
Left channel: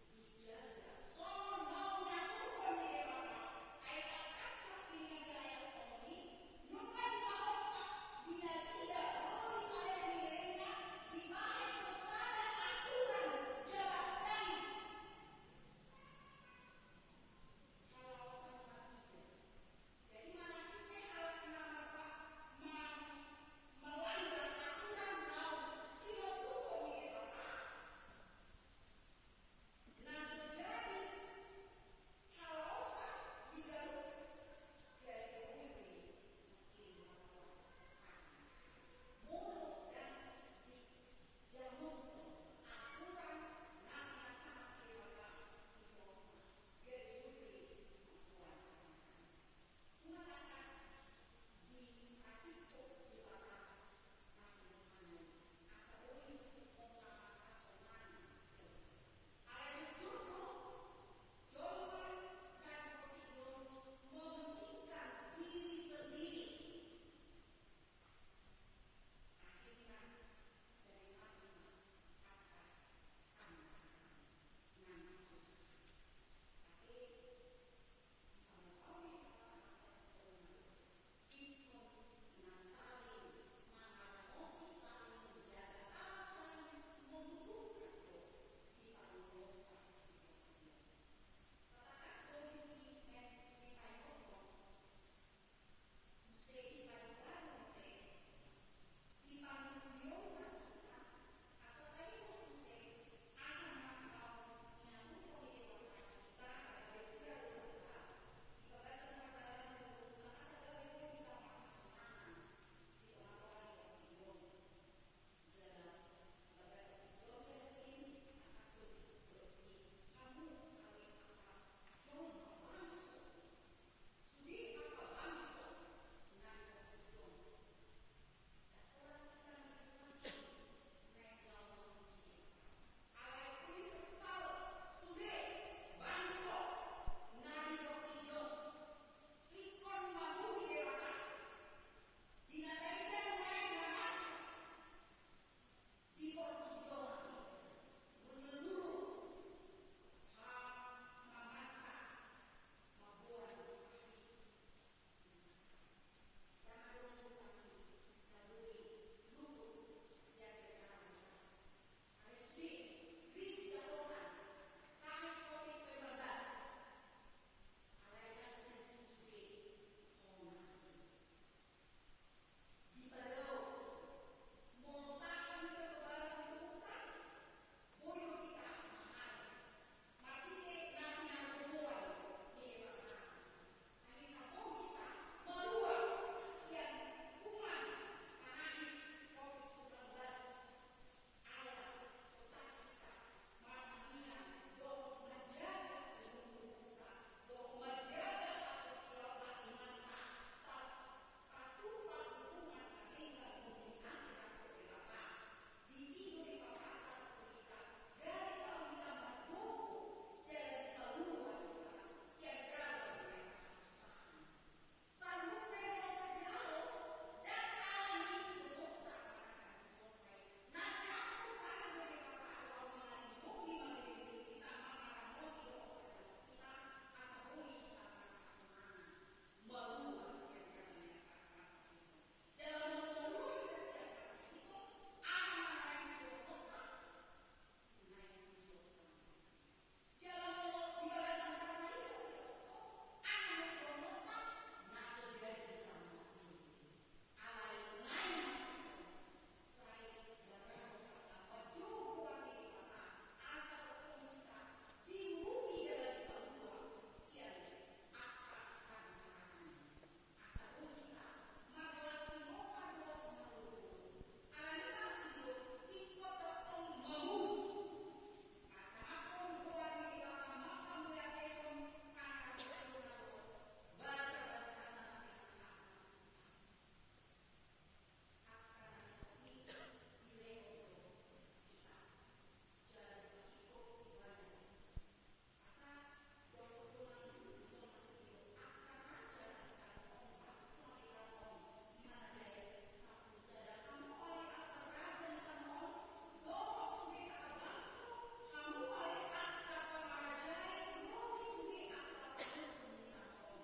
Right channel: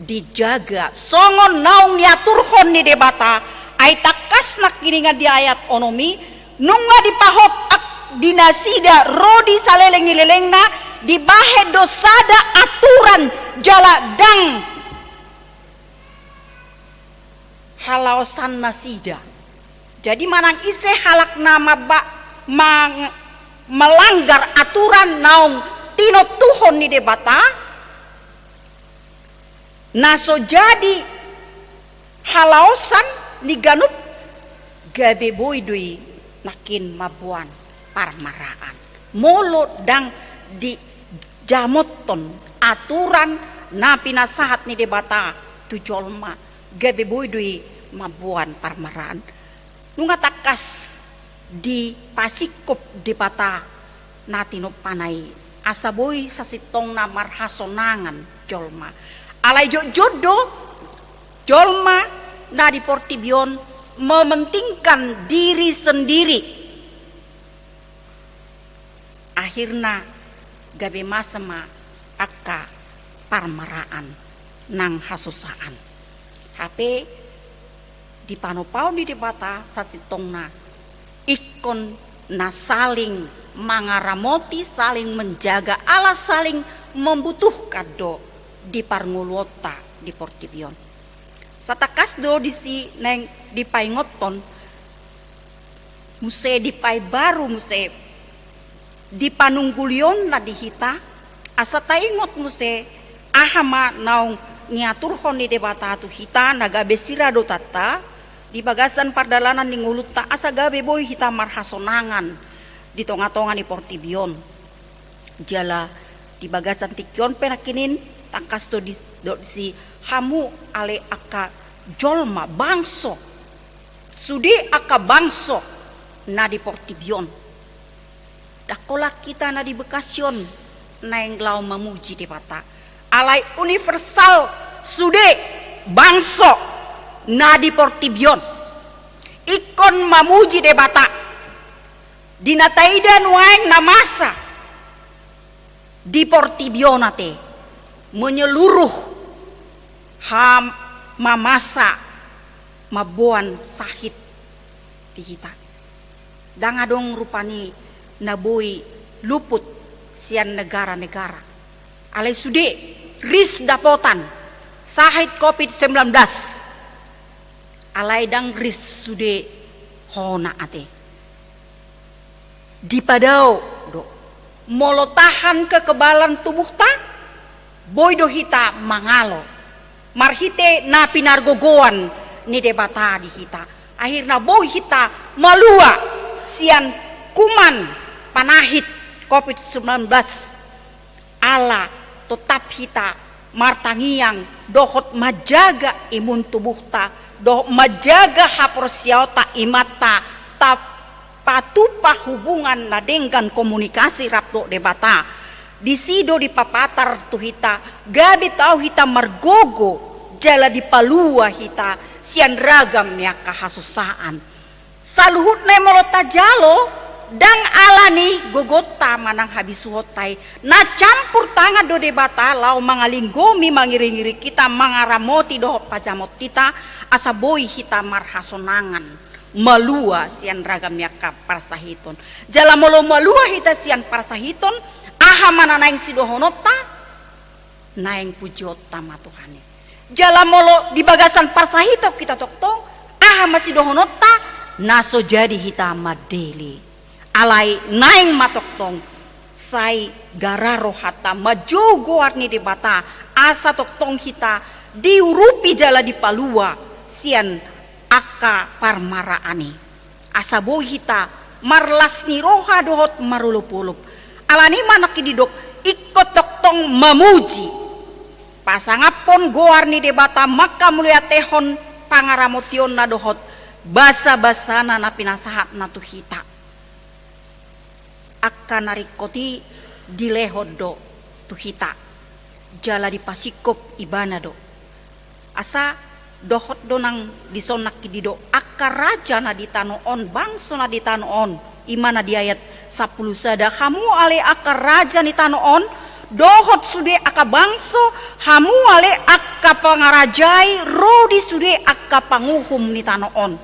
dijaga songon naung niaturhon ni debata ai takas nak kiningan di ayat onomi nunga dipahot ak dinasida rodi saleleng nilelengna dibahe dosada aturan jala dang halaosan nasida jadi manang ise halak nama melanggar aturan naung tino tuhon ni debata naso jadi halaosan ni ganup gabe boy dui nakin mabuan parmaraan. Molo dang di jamoton aturan na pinasahat ni debata tu jolma gabe boy dui mabuan parmaraan. Nunga takas di pasikop debata natino panai asa boy sa sitong na marhasonangan jolma. Alay jodoh jolma na di Portibion mementingkan diri sendiri. Akhirnya gabe masema akka parmaraan nang hasusaan. HP di panopau di debata sasitongna ikon na saling mangaramoti, saling menjaga, ala saling membutuhkan do di parngulota di Portibion. Satakas do di si neng di paingoton muse di pai baru muse di panunggulion na dihita asa taingot muse ahama naung niaturhon ni debata tu hita naga besira do tata di bagasan pardalanan ning uluta asa gabe boy hita marhasonangan di tonga-tonga ni Portibion jala di bagasan tikyon penakinin takas do si hamu ale aka jolma bangso sudi aka bangso na di Portibion dakolak kita na di Bekasyon na yang lau memuji debata alai universal sude bangso na di Portibion ikon memuji debata dinataida nuaing na masa di Portibion ate menyeluruh ham mamasa mabuan sahit di kita dangadong rupani nabui luput sian negara-negara alai sude ris dapotan sahit COVID-19 alai dang ris sude hona ate dipadao do molo tahan kekebalan tubuh ta boy do hita mangalo marhite na pinargogoan ni debata di hita akhirna boy hita malua sian kuman panahit COVID-19 ala tetap hita martangiang dohot majaga imun tubuh ta dohot majaga haporsiota imata tap patupa hubungan na dengan komunikasi rapdo debata di sido di papatar tu hita gabi tau hita margogo jala di palua hita sian ragam ya kahasusaan saluhut na molota jalo dang alani gogota manang habis suhotai na campur tangan do debata lau mangalinggomi mangiri-ngiri kita mangaramoti do pajamot kita asa boy hita marhasonangan malua sian ragam yaka parsahiton jala molo malua hita sian parsahiton aha mana naing sidohonota naing pujota matuhane jala molo di bagasan parsahito kita toktong aha masidohonota naso jadi hita madeli alai naing matoktong sai gararo hata majogo arni debata asa toktong hita diurupi jala di palua sian aka parmaraani asa boy hita marlas ni roha dohot marulup-ulup alani manaki didok ikut toktong memuji pasangapon goar ni debata maka mulia tehon pangaramotion na dohot basa-basana na pinasahat na tu hita akan narikoti dilehod do tu hita jala di pasikop ibana do asa dohot do nang disonak kidido akar raja na ditanoon bangso na ditanoon imana di ayat 10 sada hamu ale akar raja ni tanoon dohot sude aka bangso hamu ale aka pangarajai rodi sude aka panguhum ni tanoon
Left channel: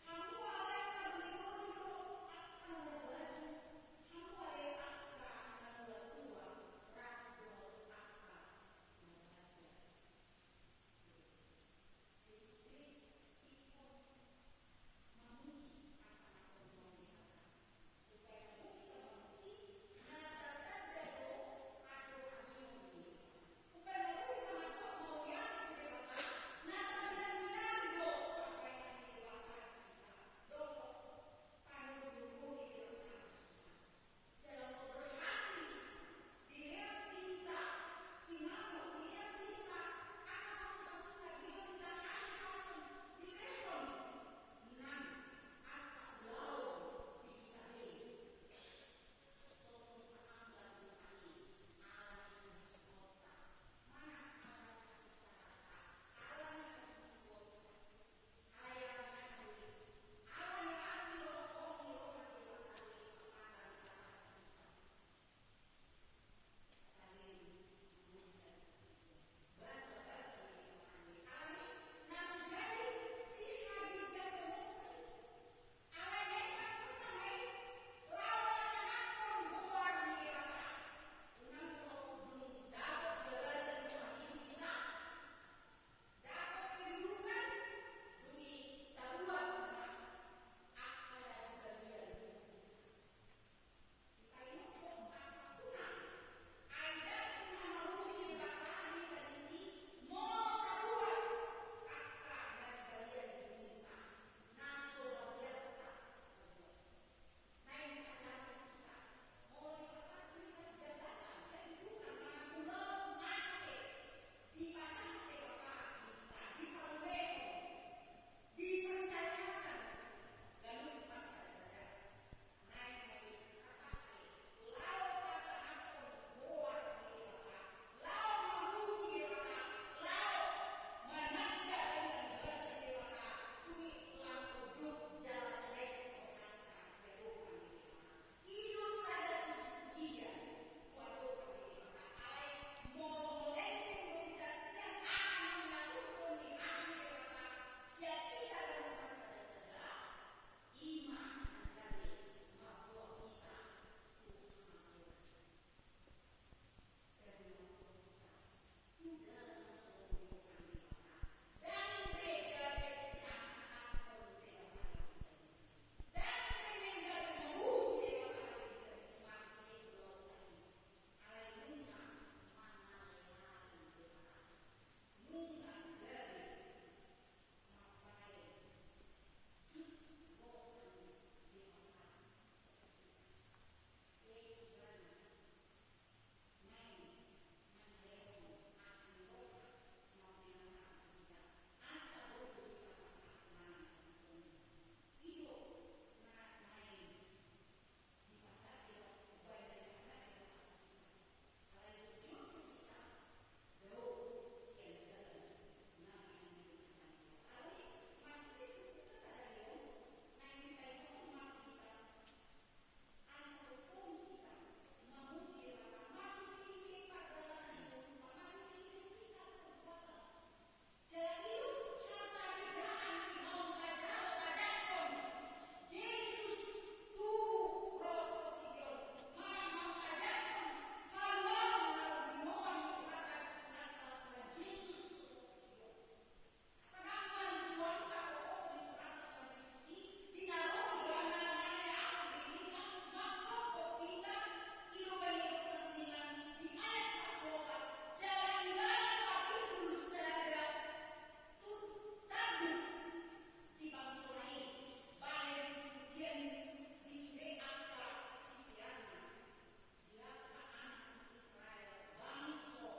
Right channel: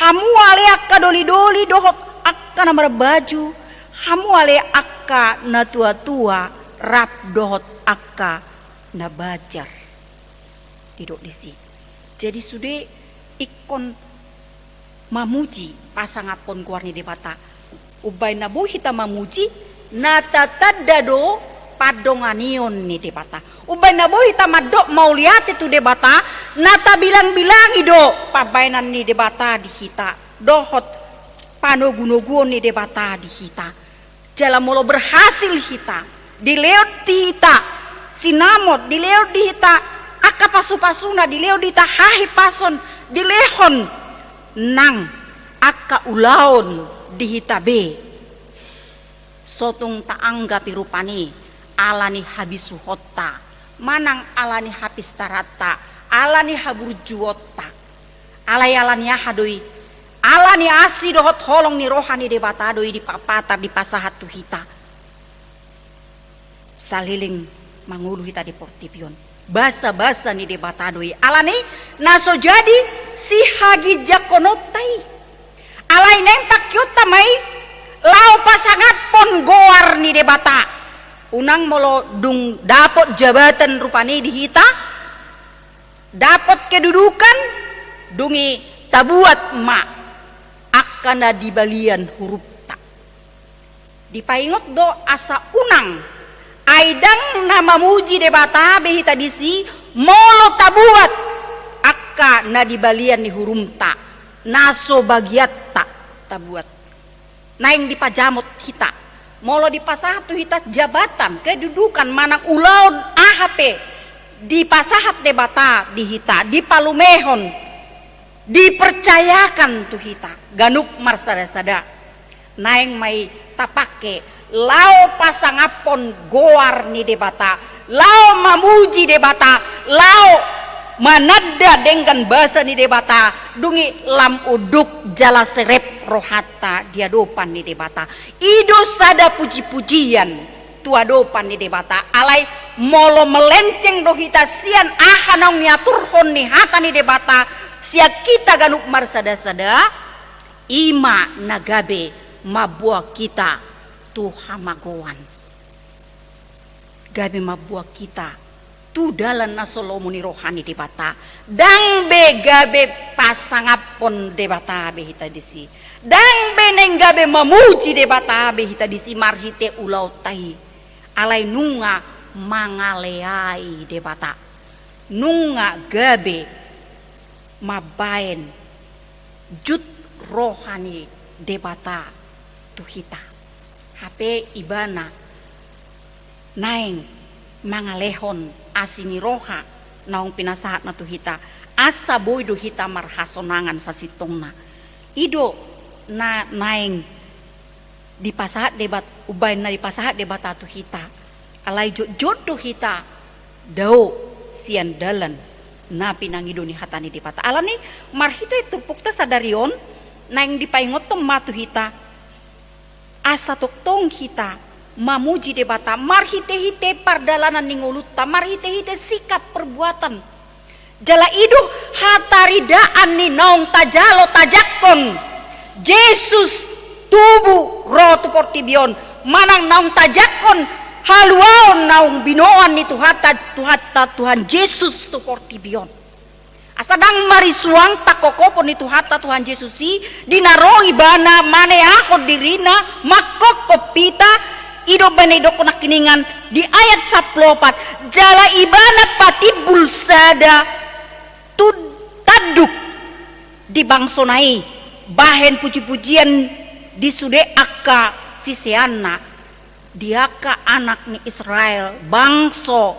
hamu ale aka doli-doli dohot aka na baju hamu ale akka na tua-tua rap dohot akka na bajar didok disi jadi sude ikon mamuji pasangapon kuarni debata ubay na bu hita mamuji natatadado padonganion ni debata ubay na bu hita madok mauliati tu debata nata bilang-bilangi do pabainan ni debata di hita dohot panogunoguon ni debata di hita. Jala molo berhasil hita. Dileot di hita. Sinamot dileot di hita. Aka pasu-pasuna dileot di hita hahi pason. Dilehon nang aka ulaon di hita be. Sotong taangga pirupani alani habisu hotta. Manang alani habis tarata. Alani haburjuota. Alani ahadoi. Alani asi dohot holong ni rohani de batadoi di papatar di pasahat tu hita. Saliling mangulu hita di portipion. Basa-basa ni de batadoi. Alani naso jadi si hagi jakonotai. Alai nempak yuta mai lau pasangat pon goar ni de bata. Unang molo dung dapot jabatan rupani di hita. Dapot kedudukan dungi tabuat mak. Akana di balian huruf tak. Dipaingot do asa unang. Aidang nama muji debata behita disi molo tabuat. Akka na di balian ni huruf tak. Naso bagiat tak tabuat. Naing dipajamot hita. Molo dipasahat tu hita jabatan. Kedudukan manang ulaun AHP. Dipasahat debata di hita. Dipalumehon. Dipercayakan tu hita ganuk marsada-sada naeng mai tapake lau pasangapon goar ni debata lau mamuji debata lau manada dengan bahasa ni debata dungi lam uduk jala serep rohata diadopan ni debata ido sada puji-pujian tuadopan ni debata alai molo melenceng dohita sian ahanong niaturhon ni hata ni debata sia kita ganuk marsada-sada ima nagabe mabua kita tu hamagoan gabe mabua kita tu dalan nasolomuni rohani debata dang be gabe pasangapon debata behita disi dang be neng gabe mamuji debata behita disi marhite ulau tai alai nunga mangaleai debata nunga gabe mabaen jut rohani debata tuhita HP ibana naeng mangalehon asini roha naung pinasahat na tuhita asa boy duhita marhasonangan sa sitongna ido na naeng dipasahat debat ubay na dipasahat debata tuhita alay jut duhita dao sian dalan na pinangido ni hatani di pata alani marhita tupukta sadarion naing dipaingot tong matu hita asa toktong hita mamuji debata marhite-hite pardalanan ninguluta marhite-hite sikap perbuatan jala idu hataridaan ni naung tajalo tajakon Yesus tubuh rotu portibion manang naung tajakon haluaon naung binoan ni Tuhan Yesus tu portibion. Asadang marisuang pakokopon ni Tuhan Yesus si dinaroi bana maneahod dirina makokopita ido banedoko nakiningan di ayat 14 jala ibana pati bulsada taduk di bangsonai bahen puji-pujian di sude akka siseana diaka anak ni Israel bangso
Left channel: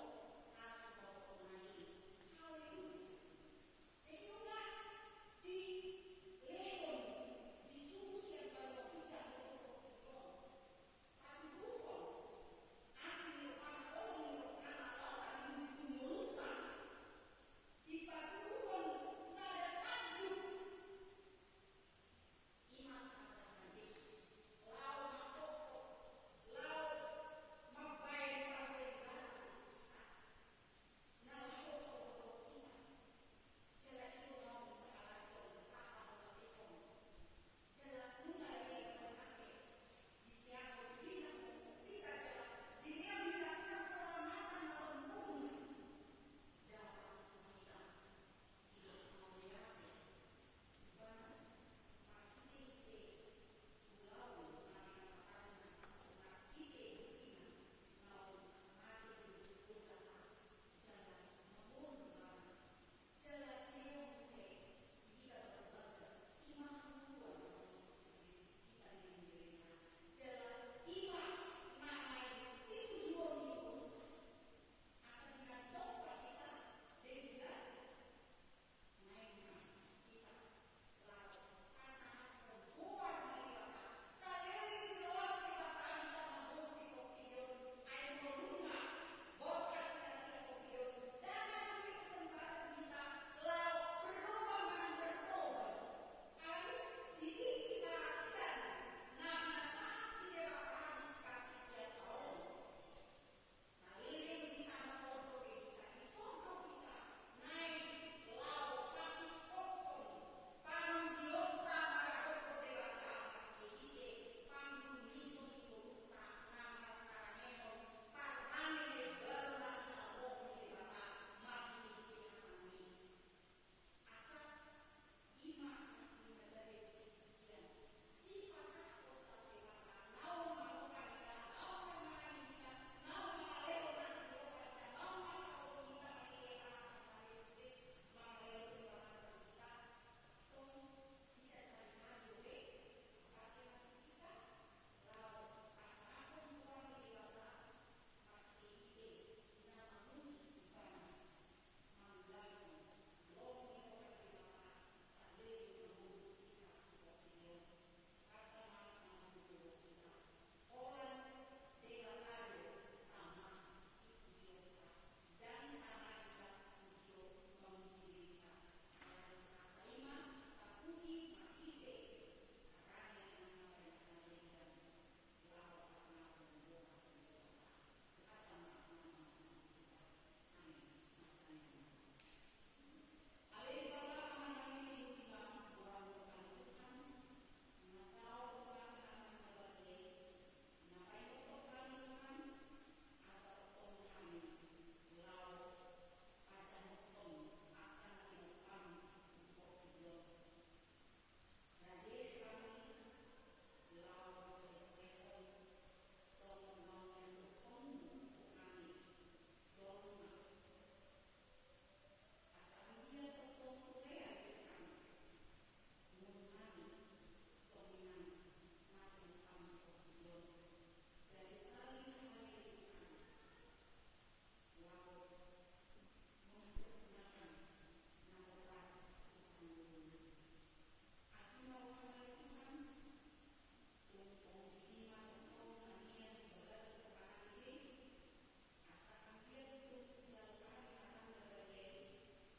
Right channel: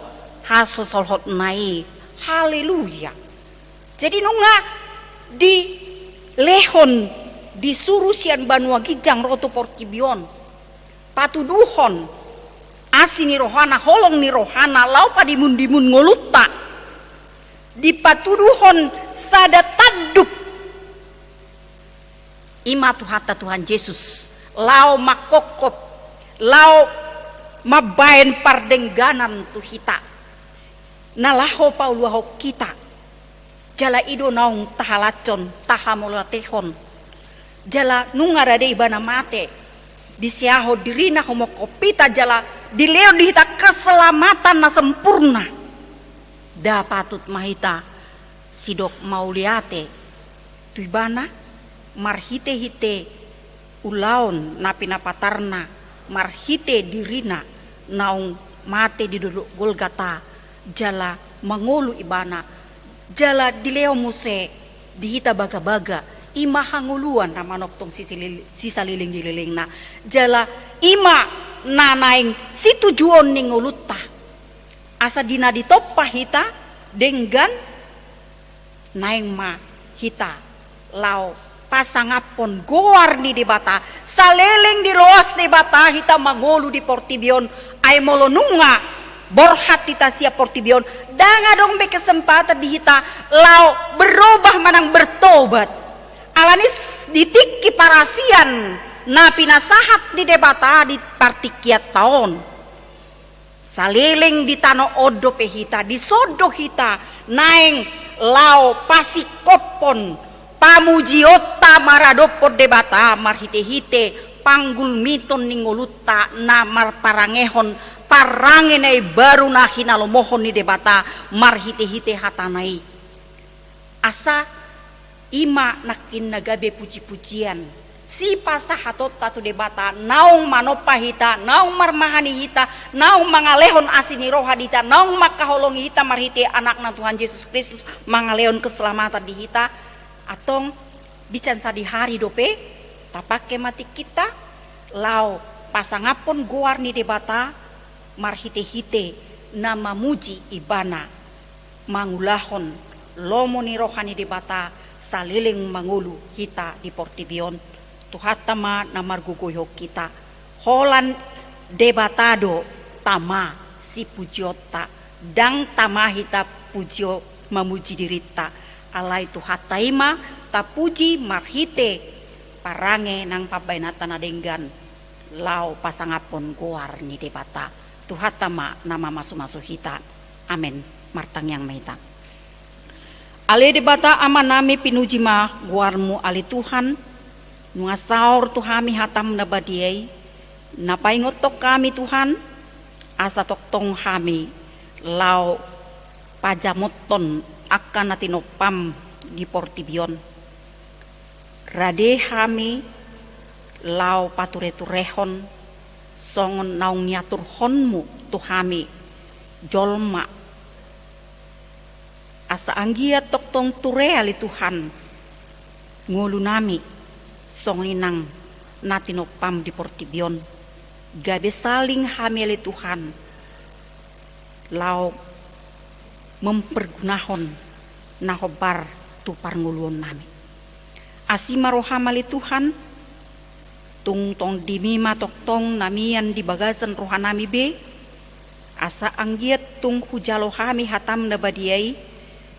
haso solhot nai haleluya jadi nunga di lehon disuruh sian banua gijang roto porkibion patuduhon asini rohana holong ni rohana lau padimun-dimun ngolutta di patuduhon sada taduk ima tuhata Tuhan Yesus lau makokop lau mabaen pardengganan tu hita nalaho pauluaho kita jala ido naung tahalacon tahamolatehon jala nungarade ibana mate disiaho dirina homokopita jala dileo dihita keselamatan na sempurna dapatut mahita sidok mauliate tu ibana marhite-hite ulaon napina patarna marhite dirina naung mate di duduk Golgata jala mangolu ibana jala dileo muse dihita baga-baga ima hanguluan na manok tong sisaliling dililing na jala ima nanaing si tujuan ning ulutta asa dina ditoppa hita denggan naing ma hita lao pasangapon goar ni di bata saliling di loas di bata hita mangolu di Portibion ay molonunga borhat hita siya Portibion danga dong be kesempatan di hita lao berubah manang bertobat alanis ditikki parasian na pinasahat di debata di partikiat tahun saliling di tano odo pehita di sodo hita naeng lao pasikopon pamujiota maradopod debata marhite-hite panggul miton ningolutta na marparangehon parangenay baru na hinalomohon ni debata marhite-hite hatanay asa ima nakin nagabe puji-pujian si pasahatot tatu debata naung manopahita naung marmahani hita naung mangalehon asini roha dita naung makaholongi hita marhite anak na Tuhan Yesus Kristus mangalehon keselamatan di hita atong bican sa di hari dope tapake mati kita lao pasangapon goar ni debata marhite-hite na mamuji ibana mangulahon lomo ni rohani debata saliling mangulu hita di Portibion tuhatama na margugoyok kita holan debatado tama si pujiota dang tama hita pujio mamuji dirita alay tuhataima tapuji marhite parange nang pabainatan adenggan lao pasangapon goar ni debata tuhatama nama masu-masu hita amen martang yang mahita ale debata amanami pinuji ma goarmu ali Tuhan nuasaur tuhami hatam nabadiay napaingotok kami Tuhan asa toktong kami lao pajamoton akan natinopam di Portibion rade kami lao pature-turehon songon naung nyatur honmu tuhami jolma asa anggia toktong tureali Tuhan ngulu nami songinang natinopam di Portibion gabe saling hamili Tuhan lau mempergunahon nahobar tu parnguluon nami asima rohamali Tuhan tungtong dimima toktong namian di bagasan rohanami be asa anggiat tung hujalo kami hatam nabadiai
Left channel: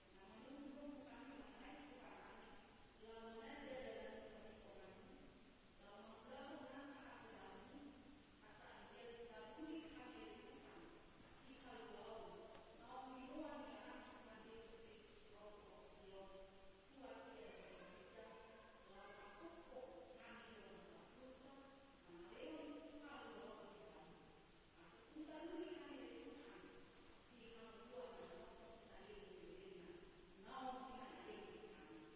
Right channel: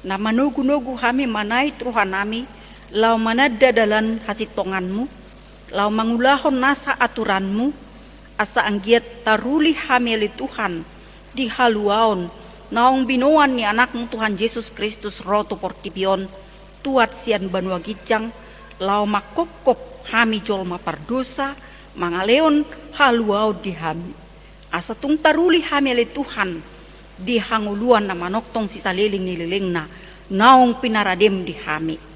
na manugu-nugu kami manai rohanami lau manada dalan hasitonganmu lau mangulahon nasa aturanmu asa anggiat taruli hamili Tuhan di haluaon naung binoan ni anakmu Tuhan Yesus Kristus roto Portibion tuat sian banua gijang lau makokop hami jolma pardosa mangaleon haluau di hami asa tung taruli hamili Tuhan di hanguluan na manoktong sisaliling nililing na naung pinaradem di hami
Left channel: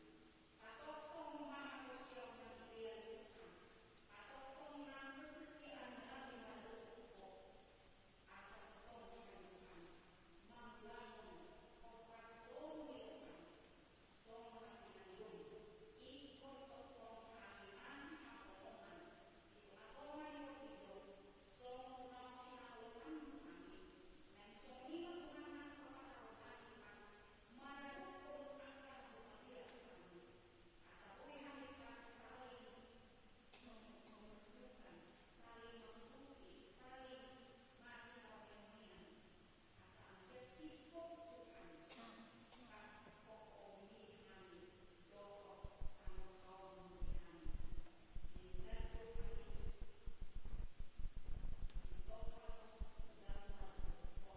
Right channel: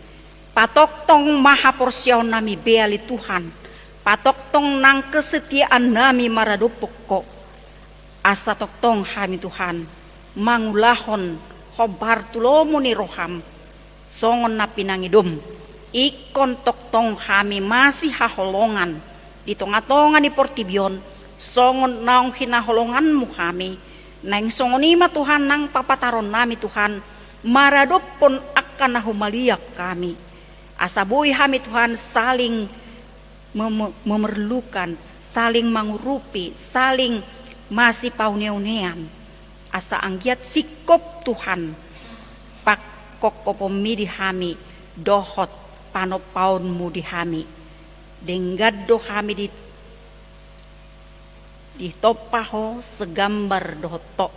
patoktong maha porsyon nami beali Tuhan patoktong nang kesetiaan nami maradopoko asa toktong hami Tuhan mangulahon hobar tulomo ni roham songon na pinangidom ikon toktong kami masih haholongan di tonga-tonga ni Portibion songon naong hinaholonganmu kami nang songonima Tuhan nang papataron nami Tuhan maradopon akan nahumaliak kami asabuhi kami Tuhan saling memerlukan saling mengurupi saling masih pauniaunean asa anggiat sikop Tuhan pakkokopomi di hami dohot panopaunmu di hami denggado kami di topaho segambar dohoto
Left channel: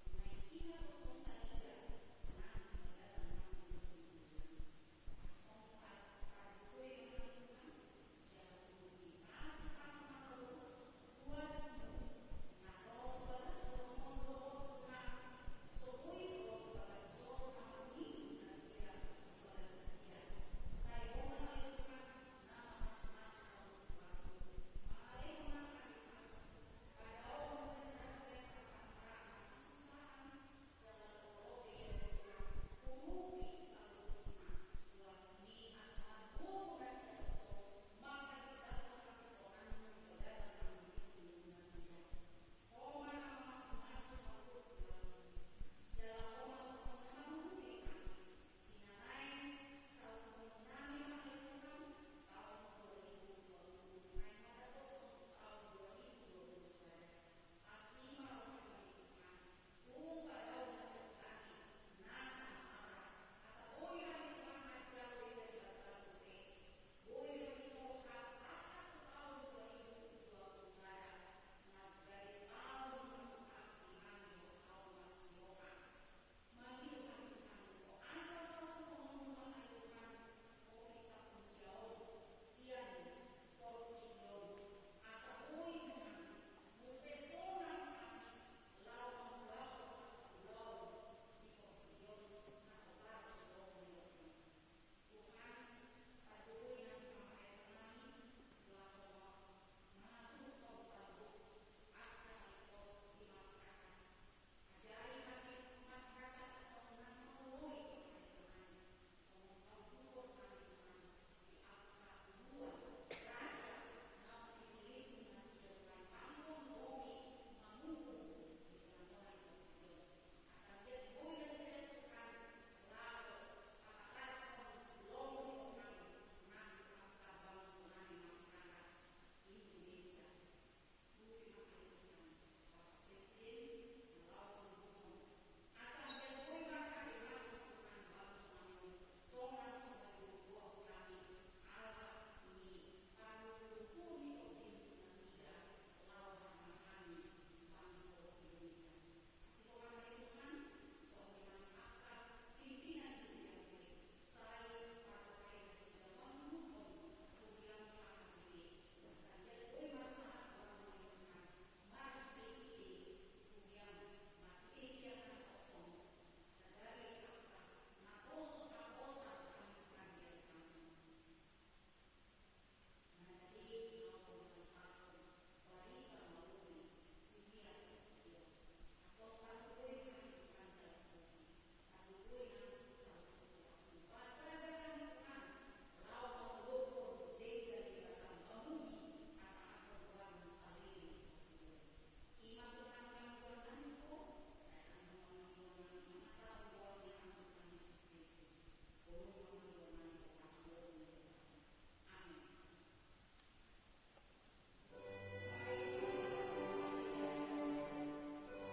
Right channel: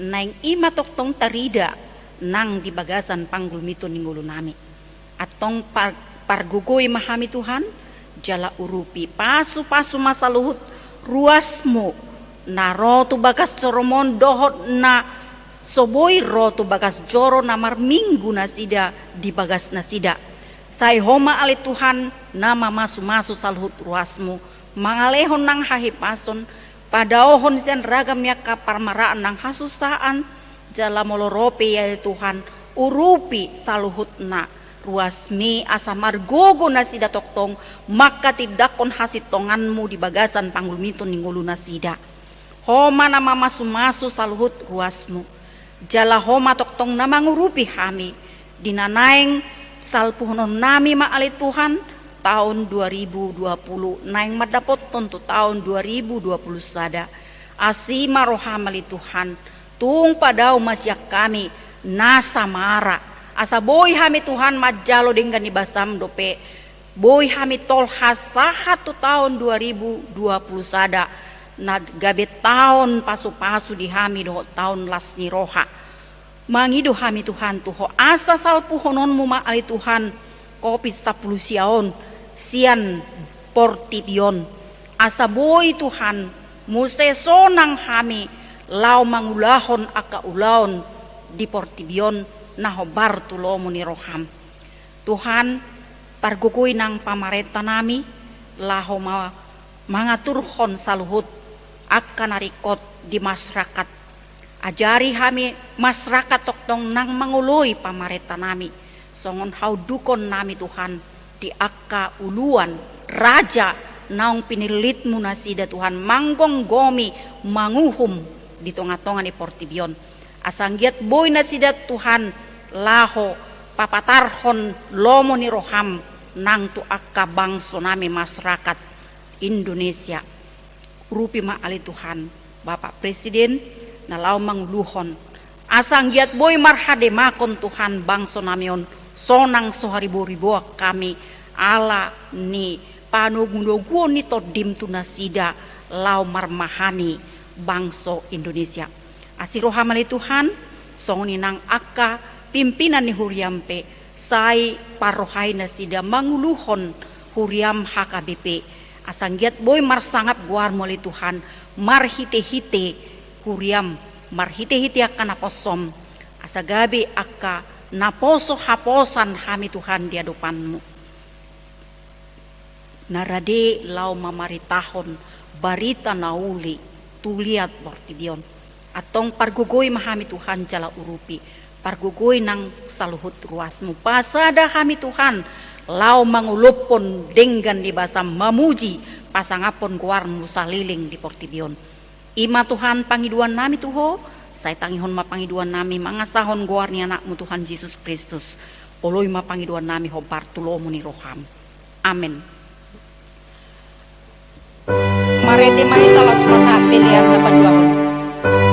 nang ima toktong tarida nang di bagasan panggul mito ninggulu nami atong pargugoy mahami Tuhan jala urupi pasu-pasu masa luhut ruasmu na rotu bagas coromon dohot na soboy rotu bagas joro na marminggu na sida di bagas na sida say homa ali Tuhan nama masu-masu salhut ruasmu mangalehon nang hahipason padaohon sian ragam niya kaparmaraan nang hasusaan jala molorope ya Tuhan urupi saluhut na ruasmi asa margogo na sida toktong maka tidakon hasit tonganmu di bagasan panggulmitun ninggulu na sida. Homa na mamasumasu saluhut ruasmu. Jala homa toktong na mangurupi hami. Dinanaing salpuhonon nami maali Tuhan tahun 2020. Naing madapot tonto tahun 2020 sada. Asima rohamali Tuhan. Tung padau masyak kami nasa mara. Asa boy hami Tuhan majalo dengan ibasam dope. Boy hami tol hasaha tu tahun 2020 sada. Na gabe tahun pasu-pasu di hami doho tahun lasni roha. Mangido hami Tuhan tuho asa salpuhonon mu maali Tuhan kopi 10 siaon sian portibion. Asa boy Tuhan musesonang hami lau mangulahon aka ulaon di portibion naho bartulomu ni roham. Tuhan pargukuy ng pamarenta nami laho mangaturhon saluhut akan narikot di masyarakat. Ajari hami masyarakat toktong nang manguloy pamarenta nami. Songon haudukon nami Tuhan di akka uluan raja naong pinilitmu na sida Tuhan manggong gomi manguhum di tonga-tonga ni portibion. Asanggiat boy na sida Tuhan laho papatarhon lomo ni roham nang tu akka bangso nami masyarakat Indonesia. Rupi maali Tuhan Bapak Presiden na lao manguluhon. Asanggiat boy marhade makon Tuhan bangso namion sonang soharibo-ribo kami ala ni panugunugo nito dimtu nasida lao marmahani bangso Indonesia. Asirohamali Tuhan songni nang akka pimpinan ni Huriampe say parohay na sida manguluhon Huriam HKBP asanggiat boy marsangap guar muli Tuhan marhite-hite Huriam marhite-hite akan naposom asagabi akka naposo haposan hami Tuhan di hadapanmu. Narade lau mamaritahon barita nauli tuliat portibion atong pargugoy mahami Tuhan jala urupi pargugoy ng saluhut ruasmu pasada kami Tuhan lau mangulupon denggan di basam mamuji pasangapon guarmu saliling di portibion ima Tuhan pangiduan nami tuho saya tangihon mapangiduan nami mangasahon guar ni anakmu Tuhan Yesus Kristus oloy mapangiduan nami hobar tulomu ni roham amin. Marete mahita los pilihan na padua. Maria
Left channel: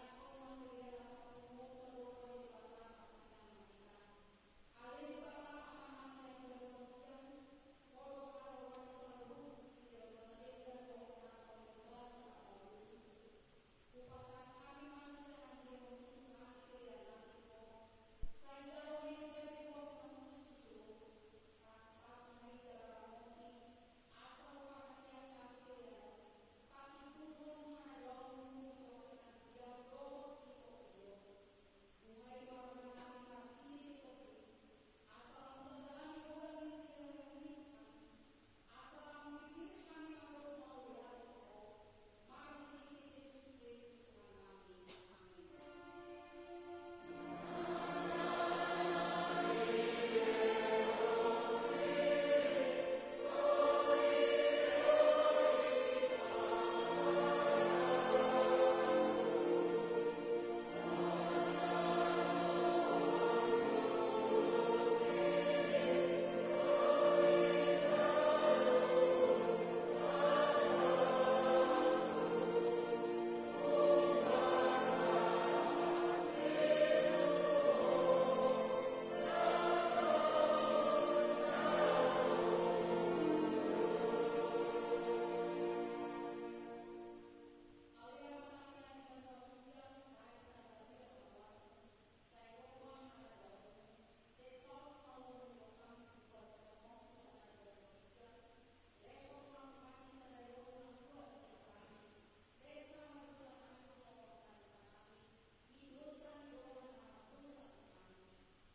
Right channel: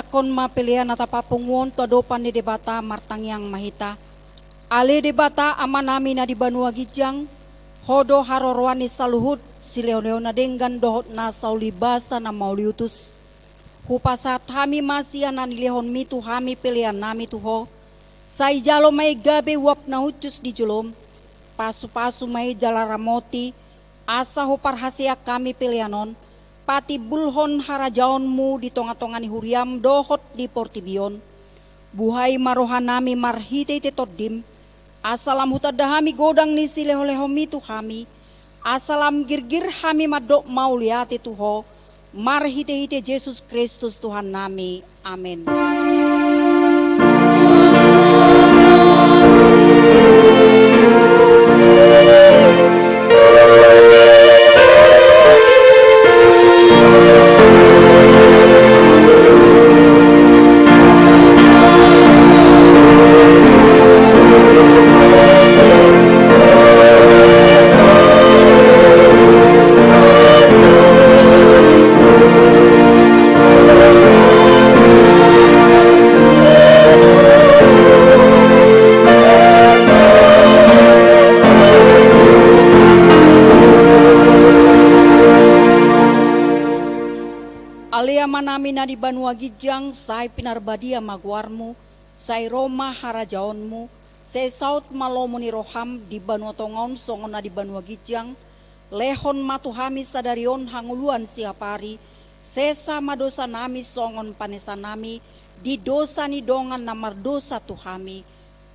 nyakon mapilian atapapungon todopan di debata martangyang mahita. Ale debata amanami na di Banua Gijang, hodo harorwani saluhut sileo-leo na denggan dohot na saulibasa na mauliutus. Hupasat hami masianan lihon mitu hami pilihan nami tuho. Say jalo may gabi wap na hucus di julom. Pasu-pasu may jalaramoti. Asa huparhasiak kami pilihanon. Pati bulhon harajaonmu di tonga-tonga ni huriam dohot di portibion. Buhay marohan nami marhite tetodim. Asalam hutadahami godang ni sileho-leho mitu hami. Asalam girgir hami madok mauliati tuho. Marhite-hite Yesus Kristus Tuhan nami. Amin. Nami na di Banua Gijang, say pinarbadia magwarmu, say Roma harajaonmu, say saut malomo ni roham di Banua Tongon, songon na di Banua Gijang, lehon matuhami sadarion hanguluan siapari, sesa madosa nami songon panesa nami, di dosa ni dongan namar dosa tuhami,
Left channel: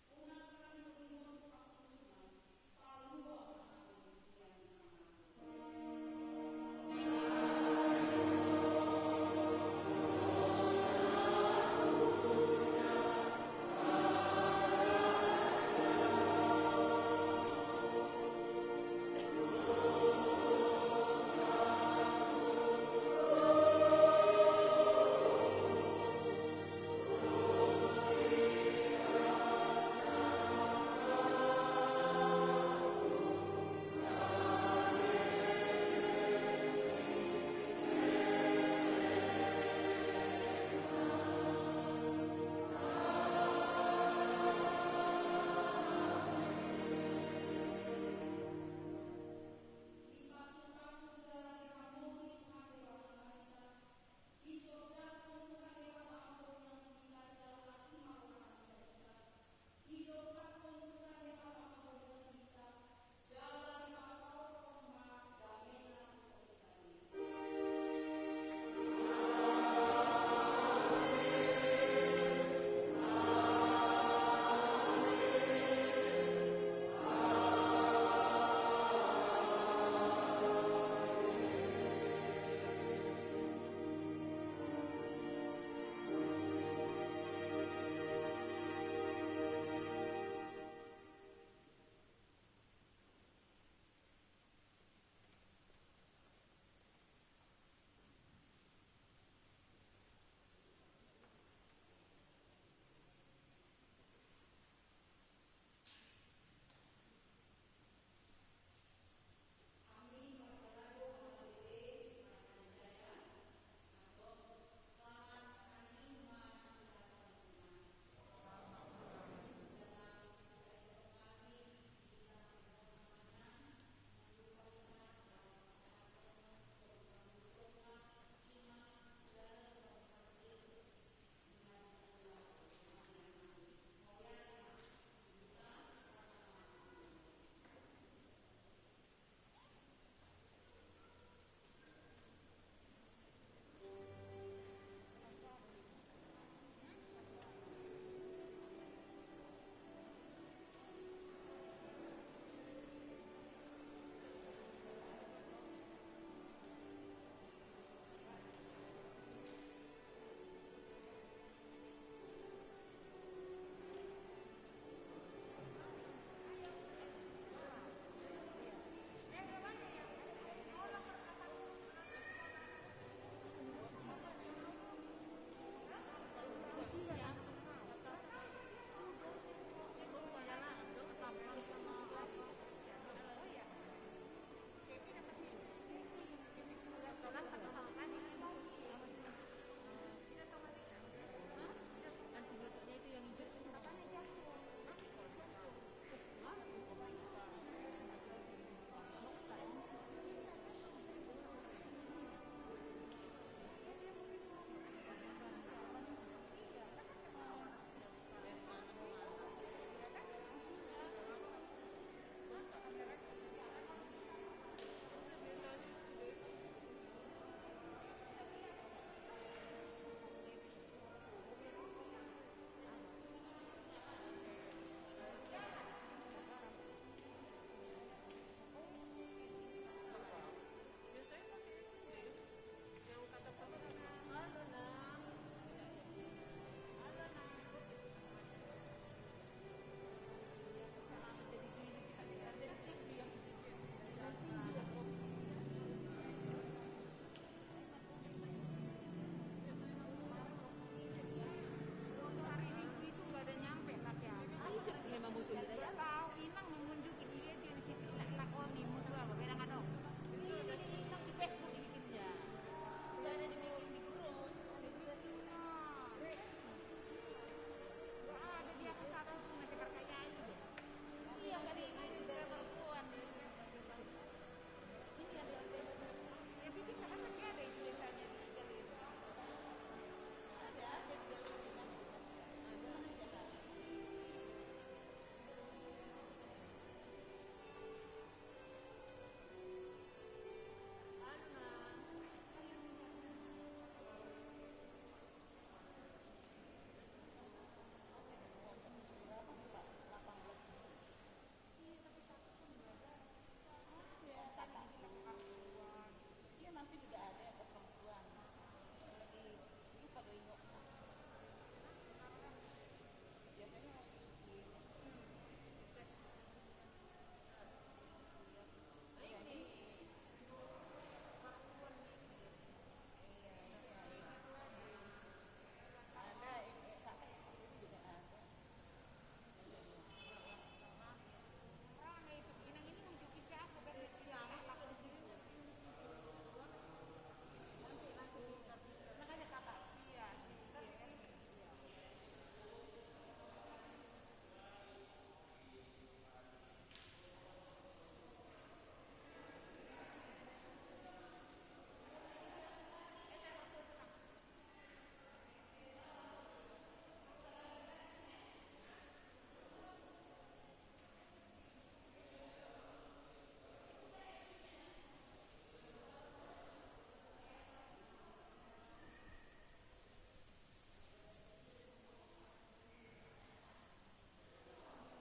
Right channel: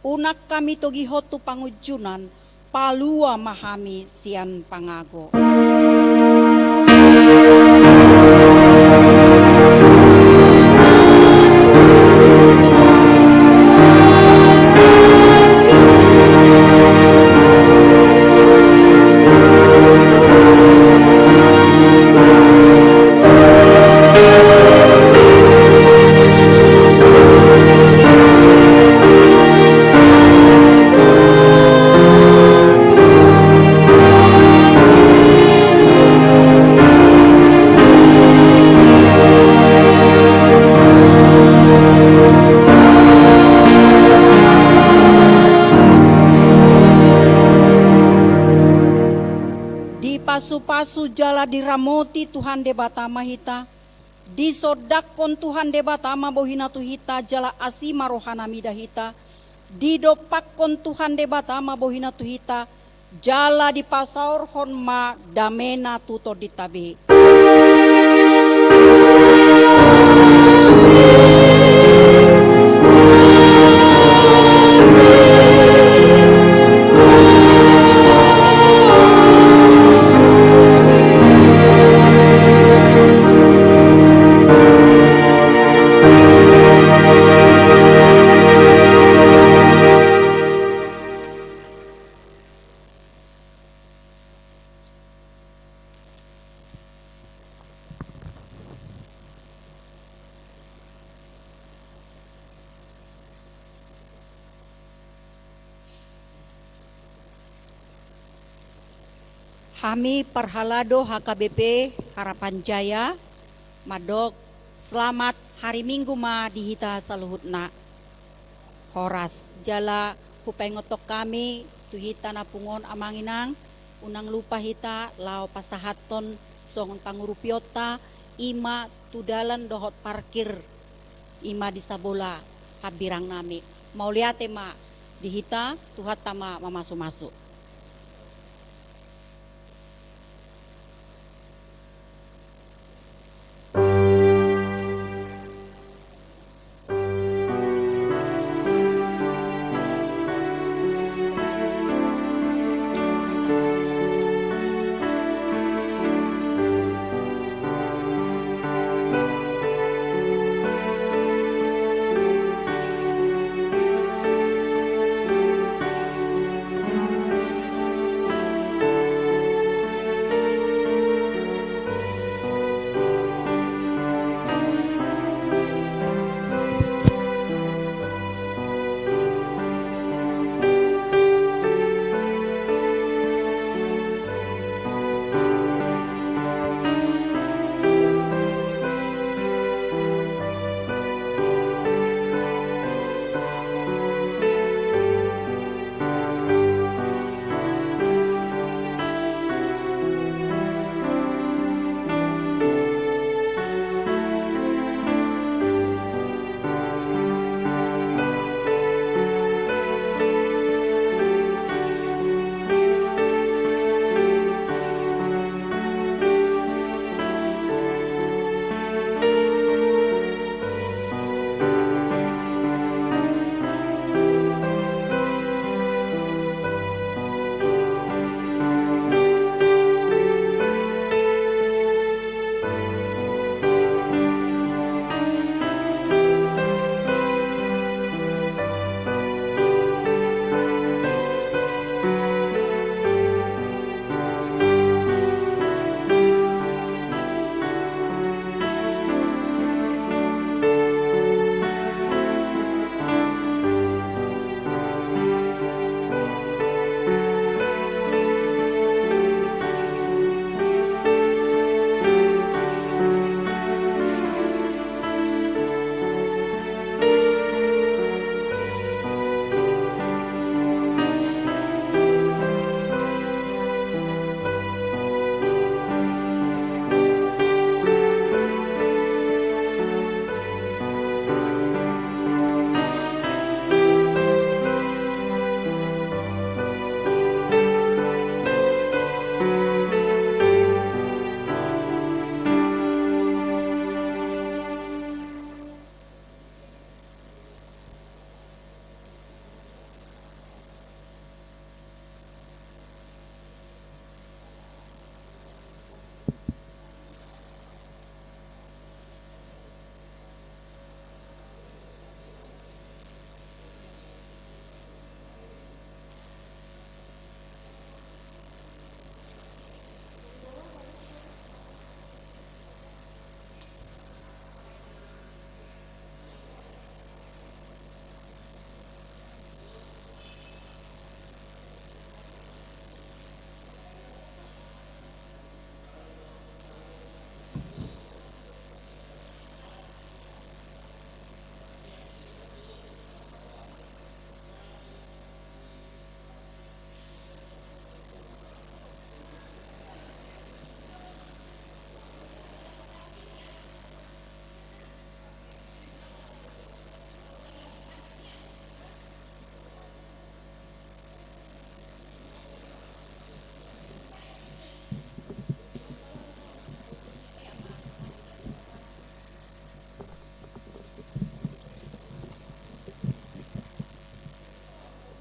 unak kami togihot tu pangujunan, palua mahami sian pangago. Pasu-pasu jala diramoti Tuhan debata mahita, disodakon Tuhan debata bohina tuhita jala asima rohana midahita, didopakon Tuhan debata bohina tuhita, jala di pasaur honma damena tuto ditabe. Kami Perhalado HKBP Harapan Jaya Madok selamat hari Minggu ma dihita saluhutna horas jala hupengotok kami tuhita napungon amanginang unang lupa hita lao pasahaton songon pangurupiota ima tudalan dohot parkir ima di sabola habirang nami mau liate ma dihita tuhat tama mamasu-masu.